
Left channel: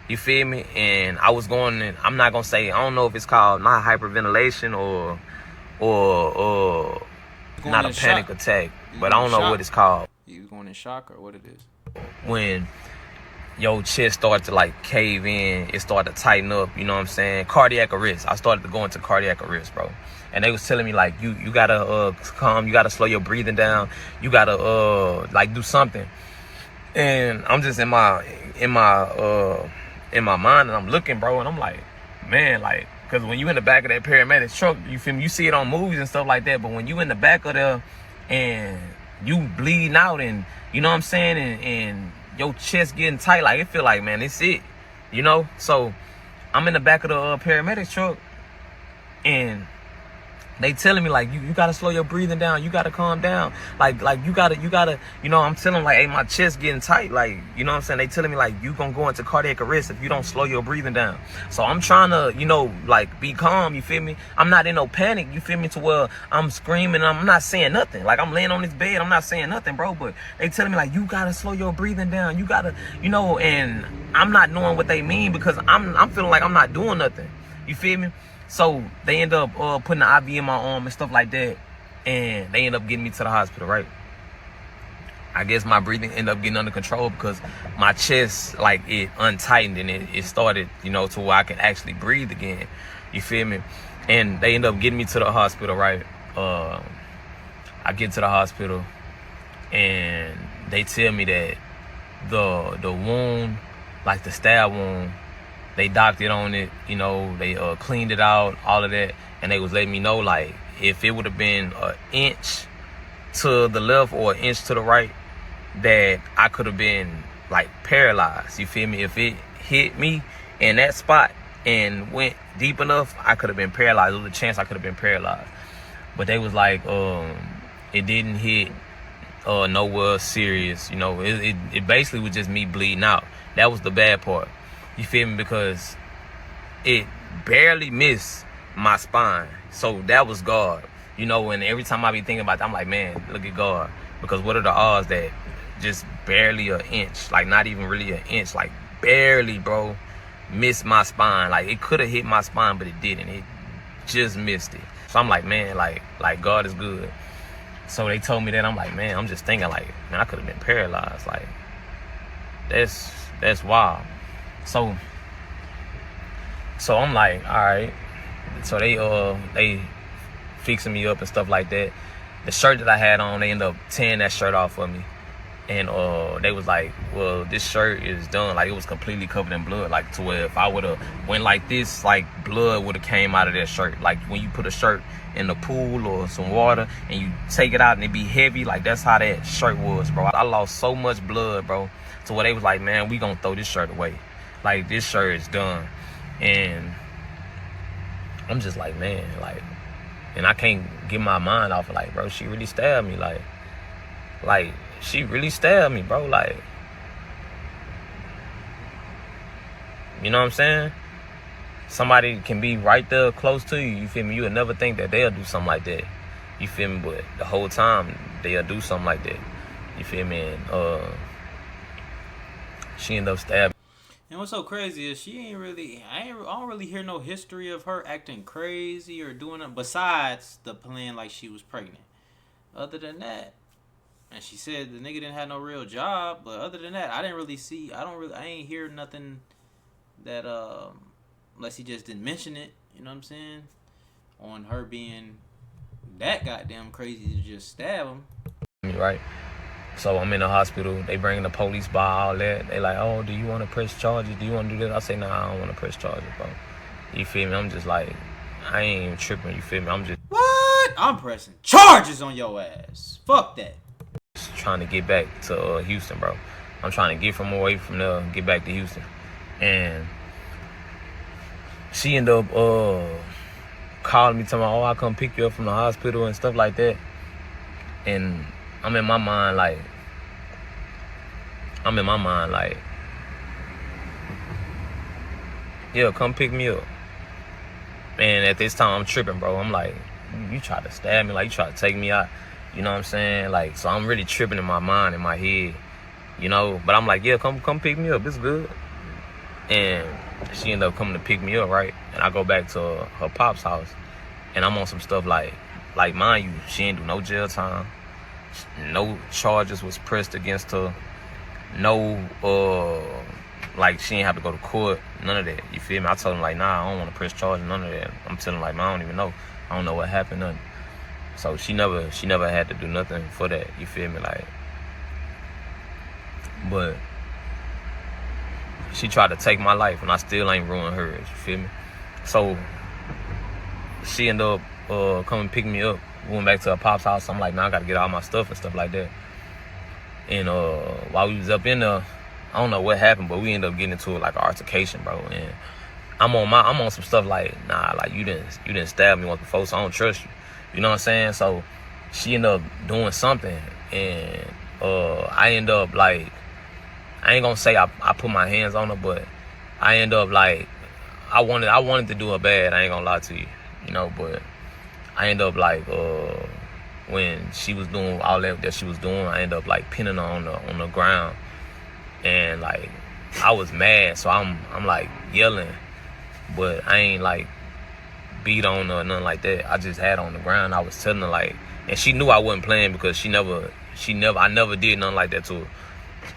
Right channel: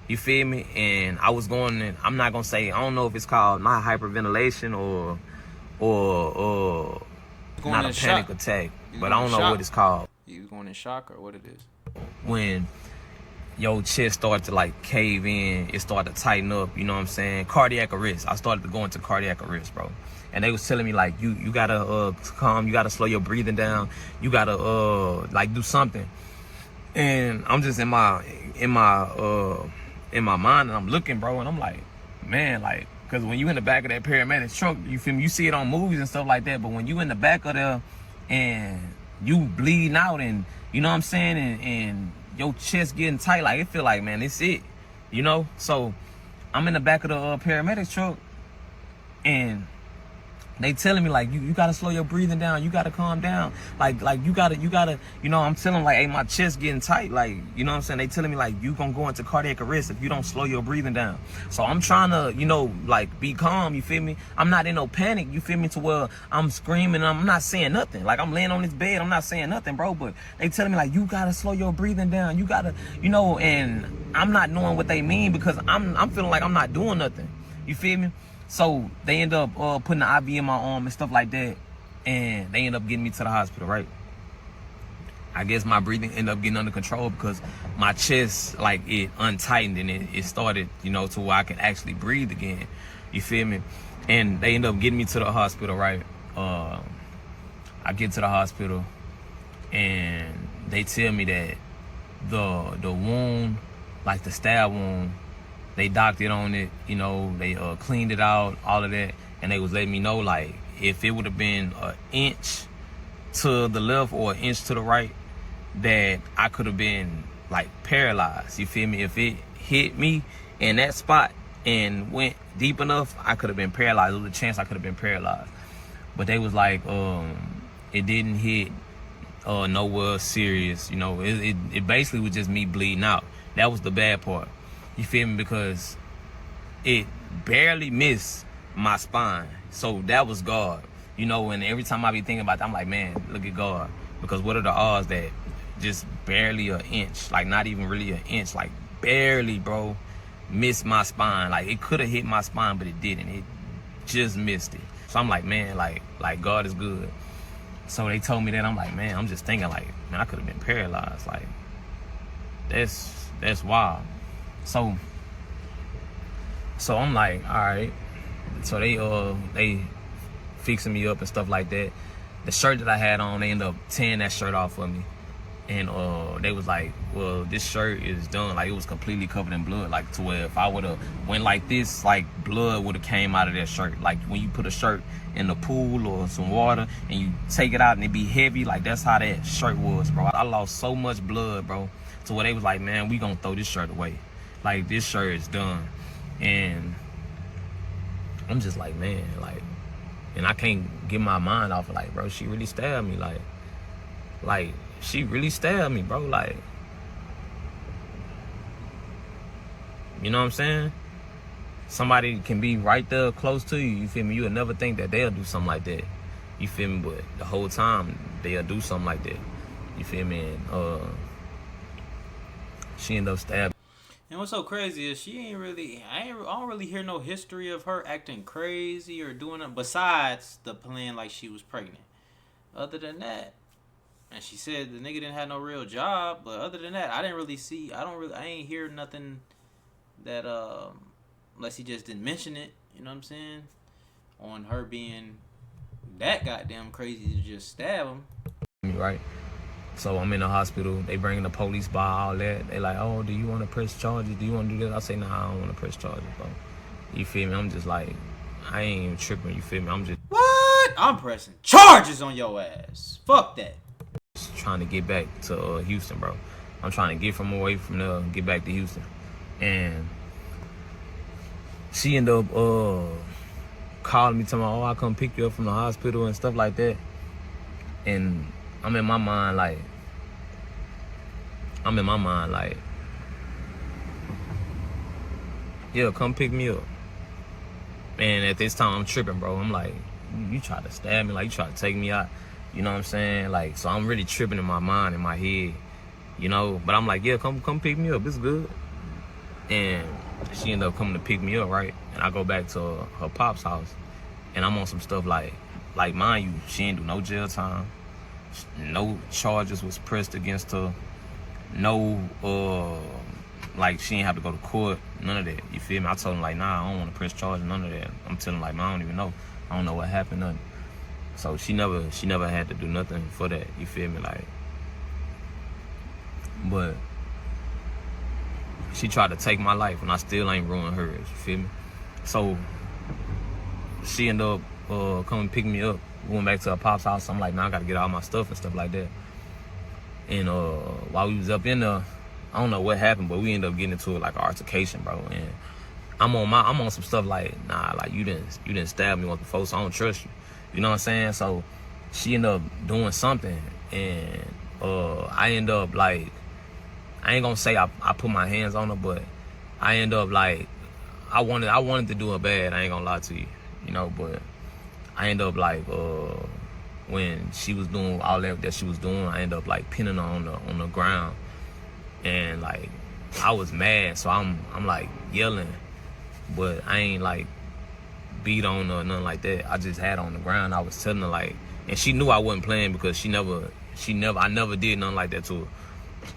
You feel me? And I was going in, I'm not gonna say, I don't know if it's called not hyperventilation or not a panic attack, but I don't know what it's called. You going in shock or what it is? When your chest started to like cave in, it started to tighten up, you know what I'm saying? Cardiac arrest. I started to go into cardiac arrest, bro. And they was telling me like, you gotta calm, you gotta slow your breathing down, you gotta like do something. And I'm just in my mind, and I'm looking, bro, and I'm like, man, like, because when you in the back of that paramedic truck, you feel me? You see it on movies and stuff like that, but when you in the back of there and you bleeding out, and you know what I'm saying, and your chest getting tight, like, it feel like, man, it's it, you know? So I'm in the back of the paramedic truck, and they telling me like you gotta slow your breathing down, you gotta calm down, like you gotta, you know, I'm telling like, hey, my chest getting tight, like, you know what I'm saying, they telling me like you gonna go into cardiac arrest if you don't slow your breathing down. So I'm trying to, you know, like be calm, you feel me? I'm not in no panic, you feel me, to where I'm screaming, I'm not saying nothing, like I'm laying on this bed, I'm not saying nothing, bro, but they telling me like you gotta slow your breathing down, you gotta, you know, and I'm not knowing what they mean because I'm feeling like I'm not doing nothing, you feel me? So they end up putting the IV in my arm and stuff like that, and they end up getting me to the hospital, right? I guess my breathing ended up getting under control because my chest, like, it untightened and it started, you know, to where I can actually breathe again. You feel me? And they end up getting me to the hospital, right? I get to the hospital and they tell me that the wound, like the stab wound, they docked it on it, you know, they cleaned it out, all of that, and they was letting me know, like, if it would have been an inch to the left or an inch to the right, that I could have been, like, paralyzed, you feel me? If it hit me in that spot and went deep enough, I could have been paralyzed. There was a chance I could have been paralyzed. But they was like, it didn't hit nowhere serious, you know. It basically was just me bleeding out. That was the bad part. You feel me? Because it barely missed my spine. So that was God. You know, and every time I be thinking about that, I'm like, man, look at God. Because what are the odds that just barely an inch, like not even really an inch, like barely, bro, missed my spine. Like it could have hit my spine, but it didn't. It just missed it. So I'm like, man, like God is good. So they told me that. I'm like, man, I'm just thinking like, man, I could have been paralyzed. Like, that's wild. So I'm like, all right. So they fixing me up and stuff like that. The shirt that I had on, they ended up tearing that shirt off for me. And they was like, well, this shirt is done. Like, it was completely covered in blood. Like, to where if I would have went like this, like, blood would have came out of that shirt. Like, when you put a shirt in the pool or some water and you take it out and it be heavy, like, that's how that shirt was, bro. I lost so much blood, bro, to where they was like, man, we gonna throw this shirt away. Like, this shirt is done. And I'm just like, man, like, and I can't get my mind off of, like, bro, she really stabbed me. Like, she really stabbed me, bro. Like, you know what I'm saying? Somebody can be right there close to you, you feel me? You would never think that they'll do something like that. You feel me? But the whole time, they'll do something like that. You feel me? And she ended up stabbing. And what's so crazy is I don't really hear no history of her acting crazy or doing it besides the plan like she was pregnant. Other than that, and she said the nigga didn't have no real job, but other than that, I ain't hear nothing that unless he just didn't mention it, you know what I'm saying? On her being that goddamn crazy to just stab him. Right. So I'm in the hospital. They bring the police by, all that. They like, oh, do you want to press charges? Do you want to do this? I say, nah, I don't want to press charges, bro. You feel me? I'm just like, I ain't even tripping. You feel me? I'm just... What? I'm pressing charges on your ass. Fuck that. Just trying to get back to Houston, bro. I'm trying to get from away from there and get back to Houston. And she ended up calling me, telling me, oh, I'll come pick you up from the hospital and stuff like that. And I'm in my mind like, yeah, come pick me up. And at this time, I'm tripping, bro. I'm like, you try to stab me, like, you try to take me out. You know what I'm saying? Like, so I'm really tripping in my mind, in my head, you know? But I'm like, yeah, come pick me up. It's good. And she ended up coming to pick me up, right? And I go back to her pop's house. And I'm on some stuff like, mind you, she ain't do no jail time. No charges was pressed against her. No, like, she ain't have to go to court. None of that. You feel me? I told him, like, nah, I don't want to press charges. None of that. I'm telling him, like, man, I don't even know. I don't know what happened. Nothing. So she never had to do nothing for that. You feel me? Like, but she tried to take my life, and I still ain't ruined hers. You feel me? So she ended up coming pick me up. We went back to her pop's house. I'm like, man, I gotta get all my stuff and stuff like that. And while we was up in there, I don't know what happened, but we ended up getting into like an altercation, bro. And I'm on some stuff like, nah, like you didn't stab me once before, so I don't trust you. You know what I'm saying? So she ended up doing something, and I end up like, I ain't gonna say I put my hands on her, but I end up like, I wanted to do her bad. I ain't gonna lie to you, you know. But I end up like, when she was doing all that she was doing, I end up like pinning her on the ground, and like I was mad, so I'm like yelling, but I ain't like beat on her or nothing like that. I just had her on the ground. I was telling her like, and she knew I wasn't playing because I never did nothing like that to her.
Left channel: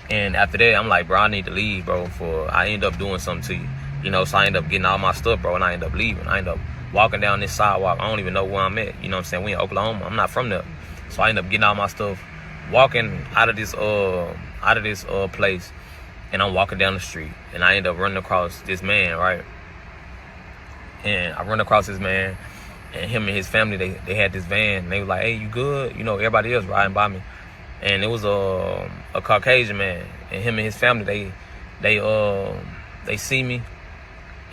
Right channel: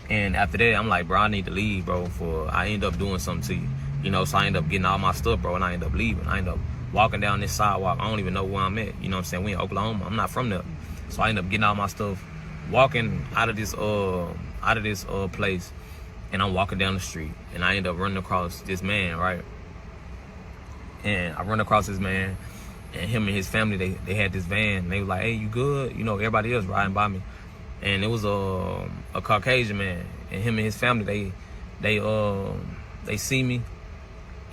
And after that, I'm like, bro, I need to leave, bro. I end up doing something to you, you know. So I end up getting all my stuff, bro, and I end up leaving. I end up walking down this sidewalk. I don't even know where I'm at. You know what I'm saying? We in Oklahoma. I'm not from there, so I end up getting all my stuff, walking out of this place, and I'm walking down the street, and I end up running across this man, right? And I run across this man, and him and his family, they had this van, and they was like, hey, you good? You know, everybody else riding by me. And it was a Caucasian man, and him and his family, they see me,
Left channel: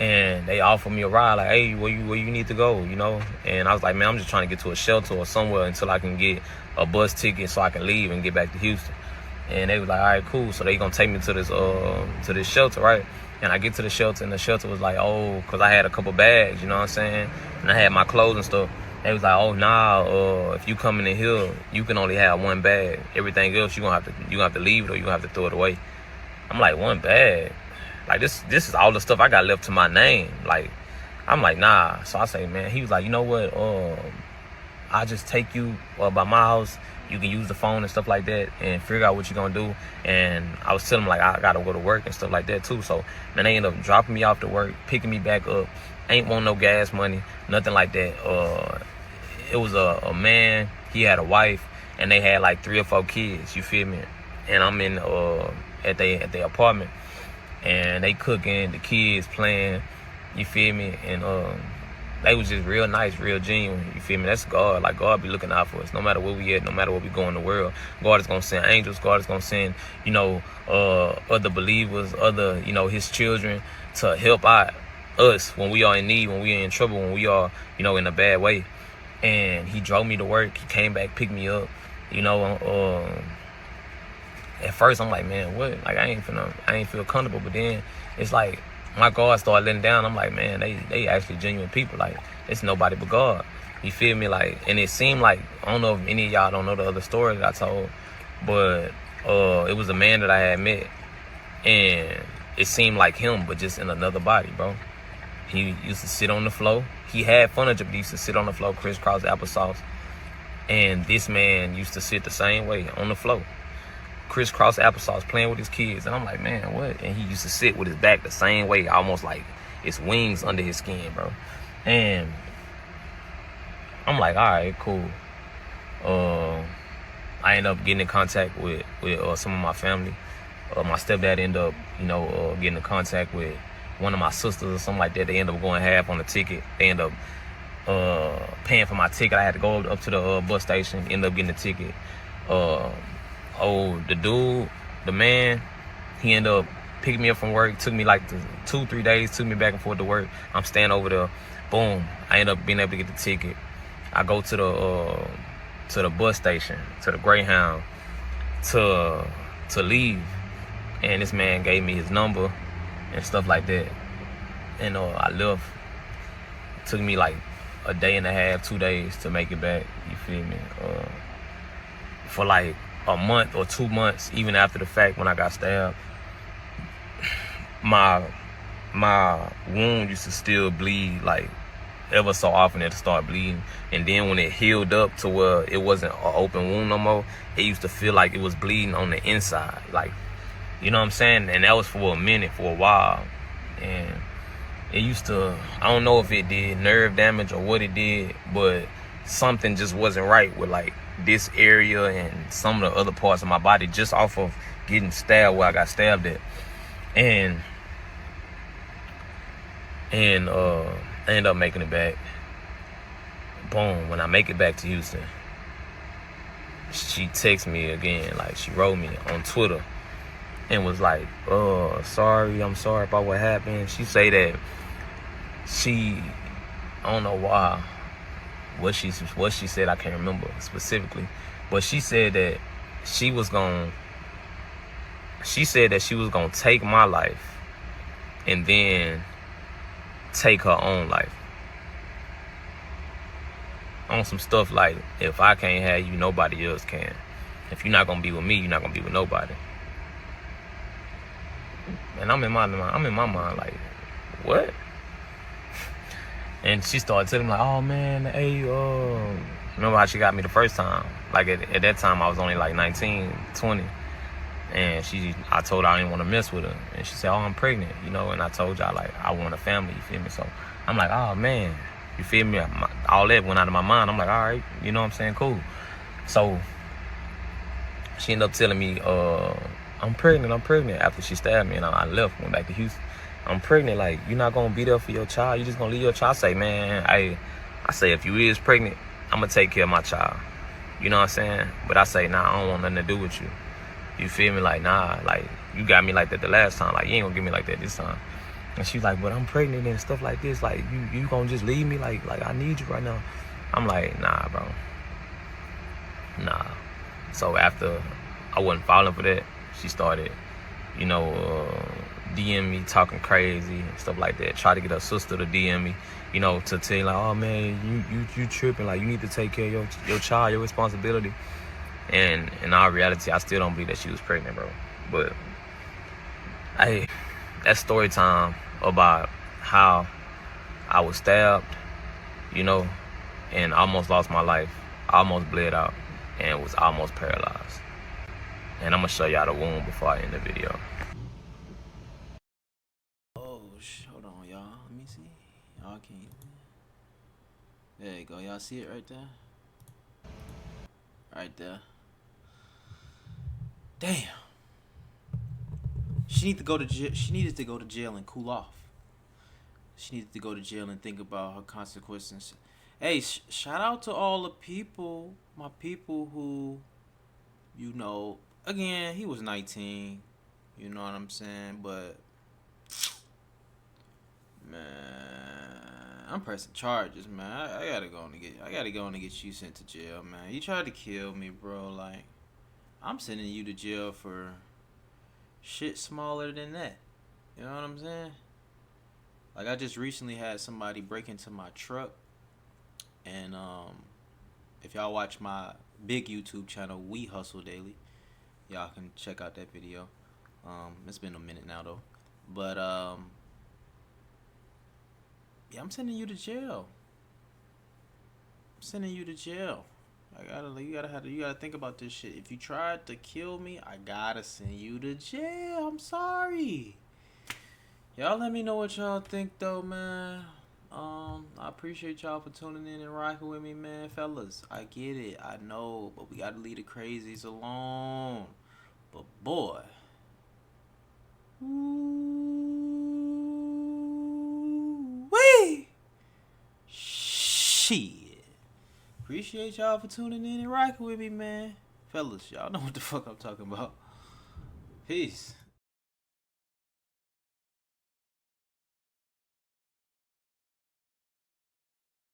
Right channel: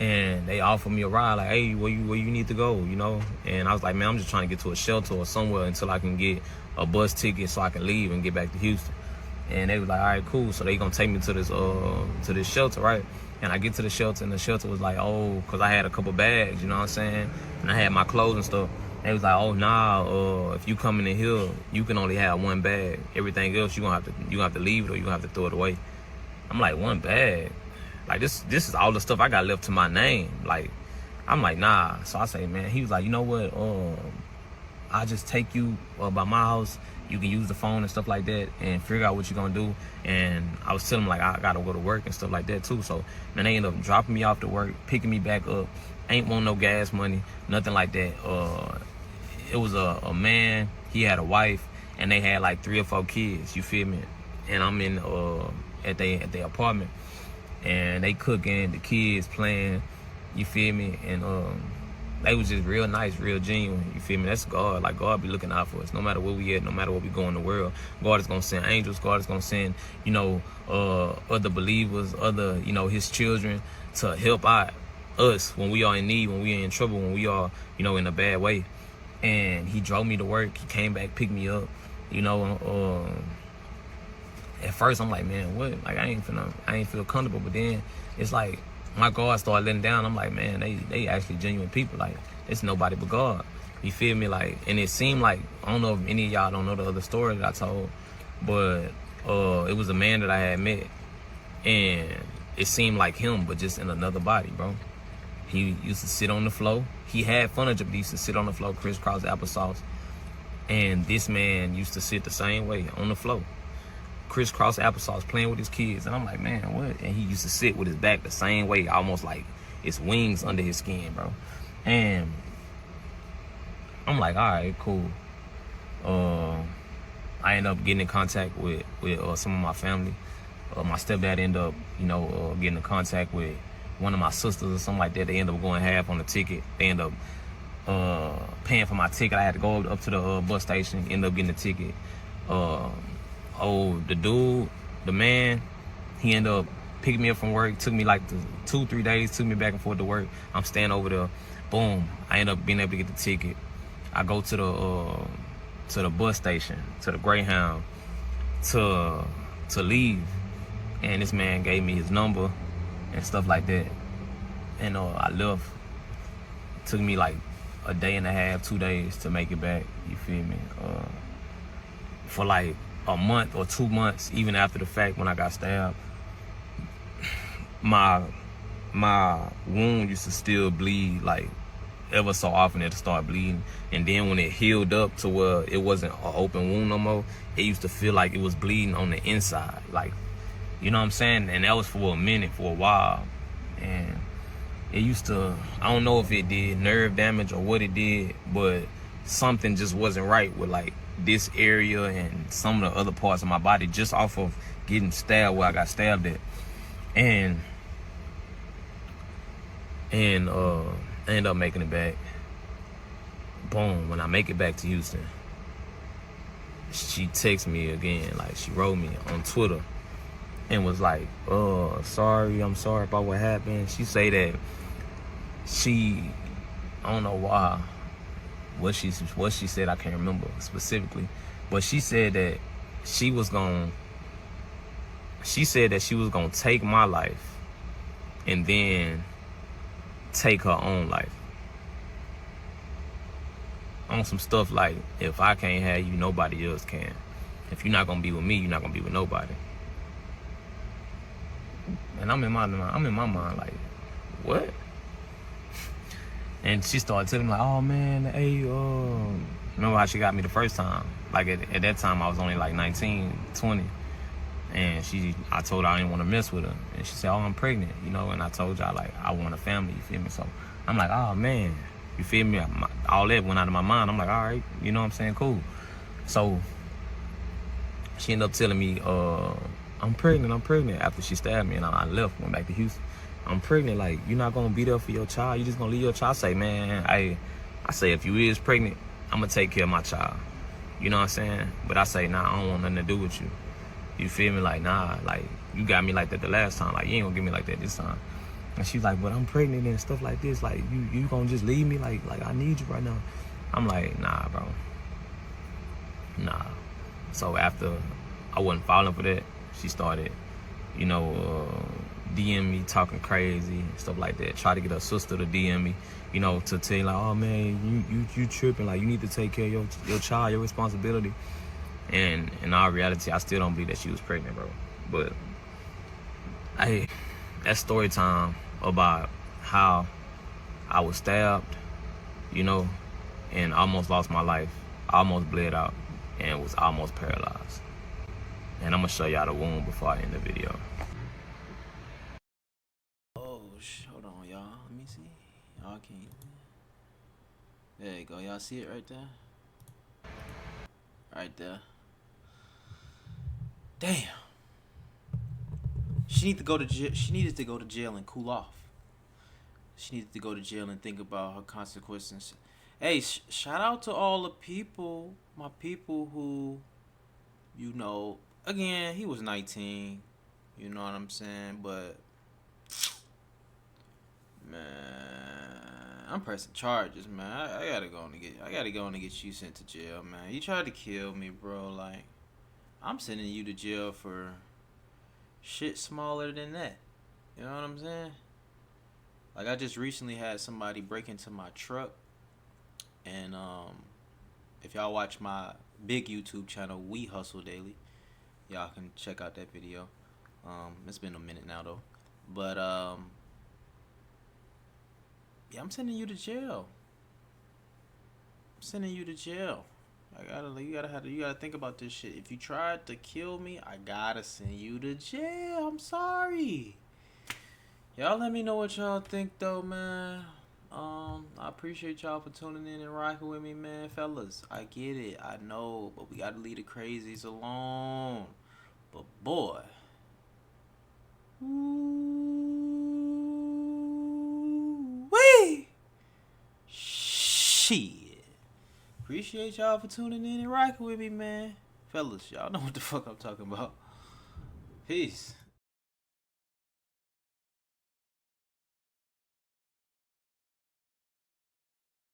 and they offer me a ride, like, hey, where you need to go, you know? And I was like, man, I'm just trying to get to a shelter or somewhere until I can get a bus ticket so I can leave and get back to Houston. And they was like, all right, cool. So they gonna take me to this shelter, right? And I get to the shelter, and the shelter was like, oh, because I had a couple bags, you know what I'm saying? And I had my clothes and stuff. They was like, oh, nah, if you coming in here, you can only have one bag. Everything else, you gonna have to leave it, or you gonna have to throw it away. I'm like, one bag? Like, this is all the stuff I got left to my name. Like, I'm like, nah. So I say, man, he was like, you know what? I'll just take you by my house. You can use the phone and stuff like that and figure out what you're gonna do. And I was telling him like, I gotta go to work and stuff like that too. So man, they ended up dropping me off to work, picking me back up. Ain't want no gas money, nothing like that. It was a man, he had a wife, and they had like 3 or 4 kids, you feel me? And I'm in at their apartment, and they cooking, the kids playing, you feel me? And they was just real nice, real genuine, you feel me? That's God. Like, God be looking out for us. No matter where we at, no matter what we go in the world, God is gonna send angels. God is gonna send, you know, other believers, other, you know, his children to help out us when we are in need, when we are in trouble, when we are, you know, in a bad way. And he drove me to work. He came back, picked me up, you know. At first I'm like, man, what? Like, I ain't feel comfortable. But then it's like my guard started letting down. I'm like, man, they actually genuine people. Like, it's nobody but God. You feel me? Like, and it seemed like, I don't know if any of y'all don't know the other story that I told, but it was a man that I had met, and it seemed like him, but just in another body, bro. He used to sit on the floor. He had furniture, but he used to sit on the floor, crisscross applesauce. And this man used to sit the same way on the floor, crisscross applesauce, playing with his kids. And I'm like, man, what? And he used to sit with his back the same way, almost like it's wings under his skin, bro. And I'm like, all right, cool. I ended up getting in contact with some of my family. My stepdad ended up, you know, getting in contact with one of my sisters or something like that. They ended up going half on the ticket. They ended up paying for my ticket. I had to go up to the bus station, end up getting the ticket. The dude, the man, he ended up picking me up from work. Took me like 2-3 days, took me back and forth to work. I'm staying over there. Boom, I end up being able to get the ticket. I go to the bus station, to the Greyhound, to leave. And this man gave me his number and stuff like that. And I left. It took me like a day and a half, 2 days to make it back. You feel me? For like a month or 2 months, even after the fact, when I got stabbed, my wound used to still bleed, like ever so often it'd start bleeding. And then when it healed up to where it wasn't an open wound no more, it used to feel like it was bleeding on the inside, like, you know what I'm saying? And that was for a minute, for a while. And it used to, I don't know if it did nerve damage or what it did, but something just wasn't right with like this area and some of the other parts of my body just off of getting stabbed where I got stabbed at. And I ended up making it back. Boom, when I make it back to Houston, she texted me again, like she wrote me on Twitter and was like, I'm sorry about what happened. She say that I don't know why, What she said, I can't remember specifically, but she said that she was gonna take my life and then take her own life. On some stuff like, if I can't have you, nobody else can. If you're not gonna be with me, you're not gonna be with nobody. And I'm in my mind like, what? And she started telling me like, oh man, hey, remember how she got me the first time? Like at that time I was only like 19, 20. And I told her I didn't want to mess with her. And she said, oh, I'm pregnant, you know? And I told y'all like, I want a family, you feel me? So I'm like, oh man, you feel me? All that went out of my mind. I'm like, all right, you know what I'm saying? Cool. So she ended up telling me, I'm pregnant after she stabbed me, and I left, went back to Houston. I'm pregnant, like, you're not gonna be there for your child, you just gonna leave your child. I say, man, I say, if you is pregnant, I'm gonna take care of my child. You know what I'm saying? But I say, nah, I don't want nothing to do with you. You feel me? Like, nah, like, you got me like that the last time, like, you ain't gonna get me like that this time. And she's like, but I'm pregnant and stuff like this, like, you gonna just leave me? Like I need you right now. I'm like, nah, bro. Nah. So after I wasn't falling for that, she started, you know, DM me talking crazy and stuff like that. Try to get her sister to DM me, you know, to tell you like, oh man, you tripping, like, you need to take care of your child, your responsibility. And in all reality, I still don't believe that she was pregnant, bro. But hey, that's story time about how I was stabbed, you know, and almost lost my life, almost bled out, and was almost paralyzed. And I'm gonna show y'all the wound before I end the video. Oh, hold on, y'all. Let me see. Y'all can't. There you go. Y'all see it right there? Right there. Damn. She needed to go to jail. She needed to go to jail and cool off. She needed to go to jail and think about her consequences. Hey, shout out to all the people, my people who, you know, again, he was 19. You know what I'm saying? But man, I'm pressing charges, man. I gotta go and get you sent to jail, man. You tried to kill me, bro. Like, I'm sending you to jail for shit smaller than that. You know what I'm saying? Like, I just recently had somebody break into my truck, and if y'all watch my big YouTube channel, We Hustle Daily, y'all can check out that video. It's been a minute now though, but yeah, I'm sending you to jail. I'm sending you to jail. You gotta think about this shit. If you tried to kill me, I gotta send you to jail. I'm sorry. Y'all let me know what y'all think though, man. I appreciate y'all for tuning in and rocking with me, man. Fellas, I get it. I know, but we gotta leave the crazies alone. But boy. Wee! Shit. Appreciate y'all for tuning in and rocking with me, man. Fellas, y'all know what the fuck I'm talking about. Peace.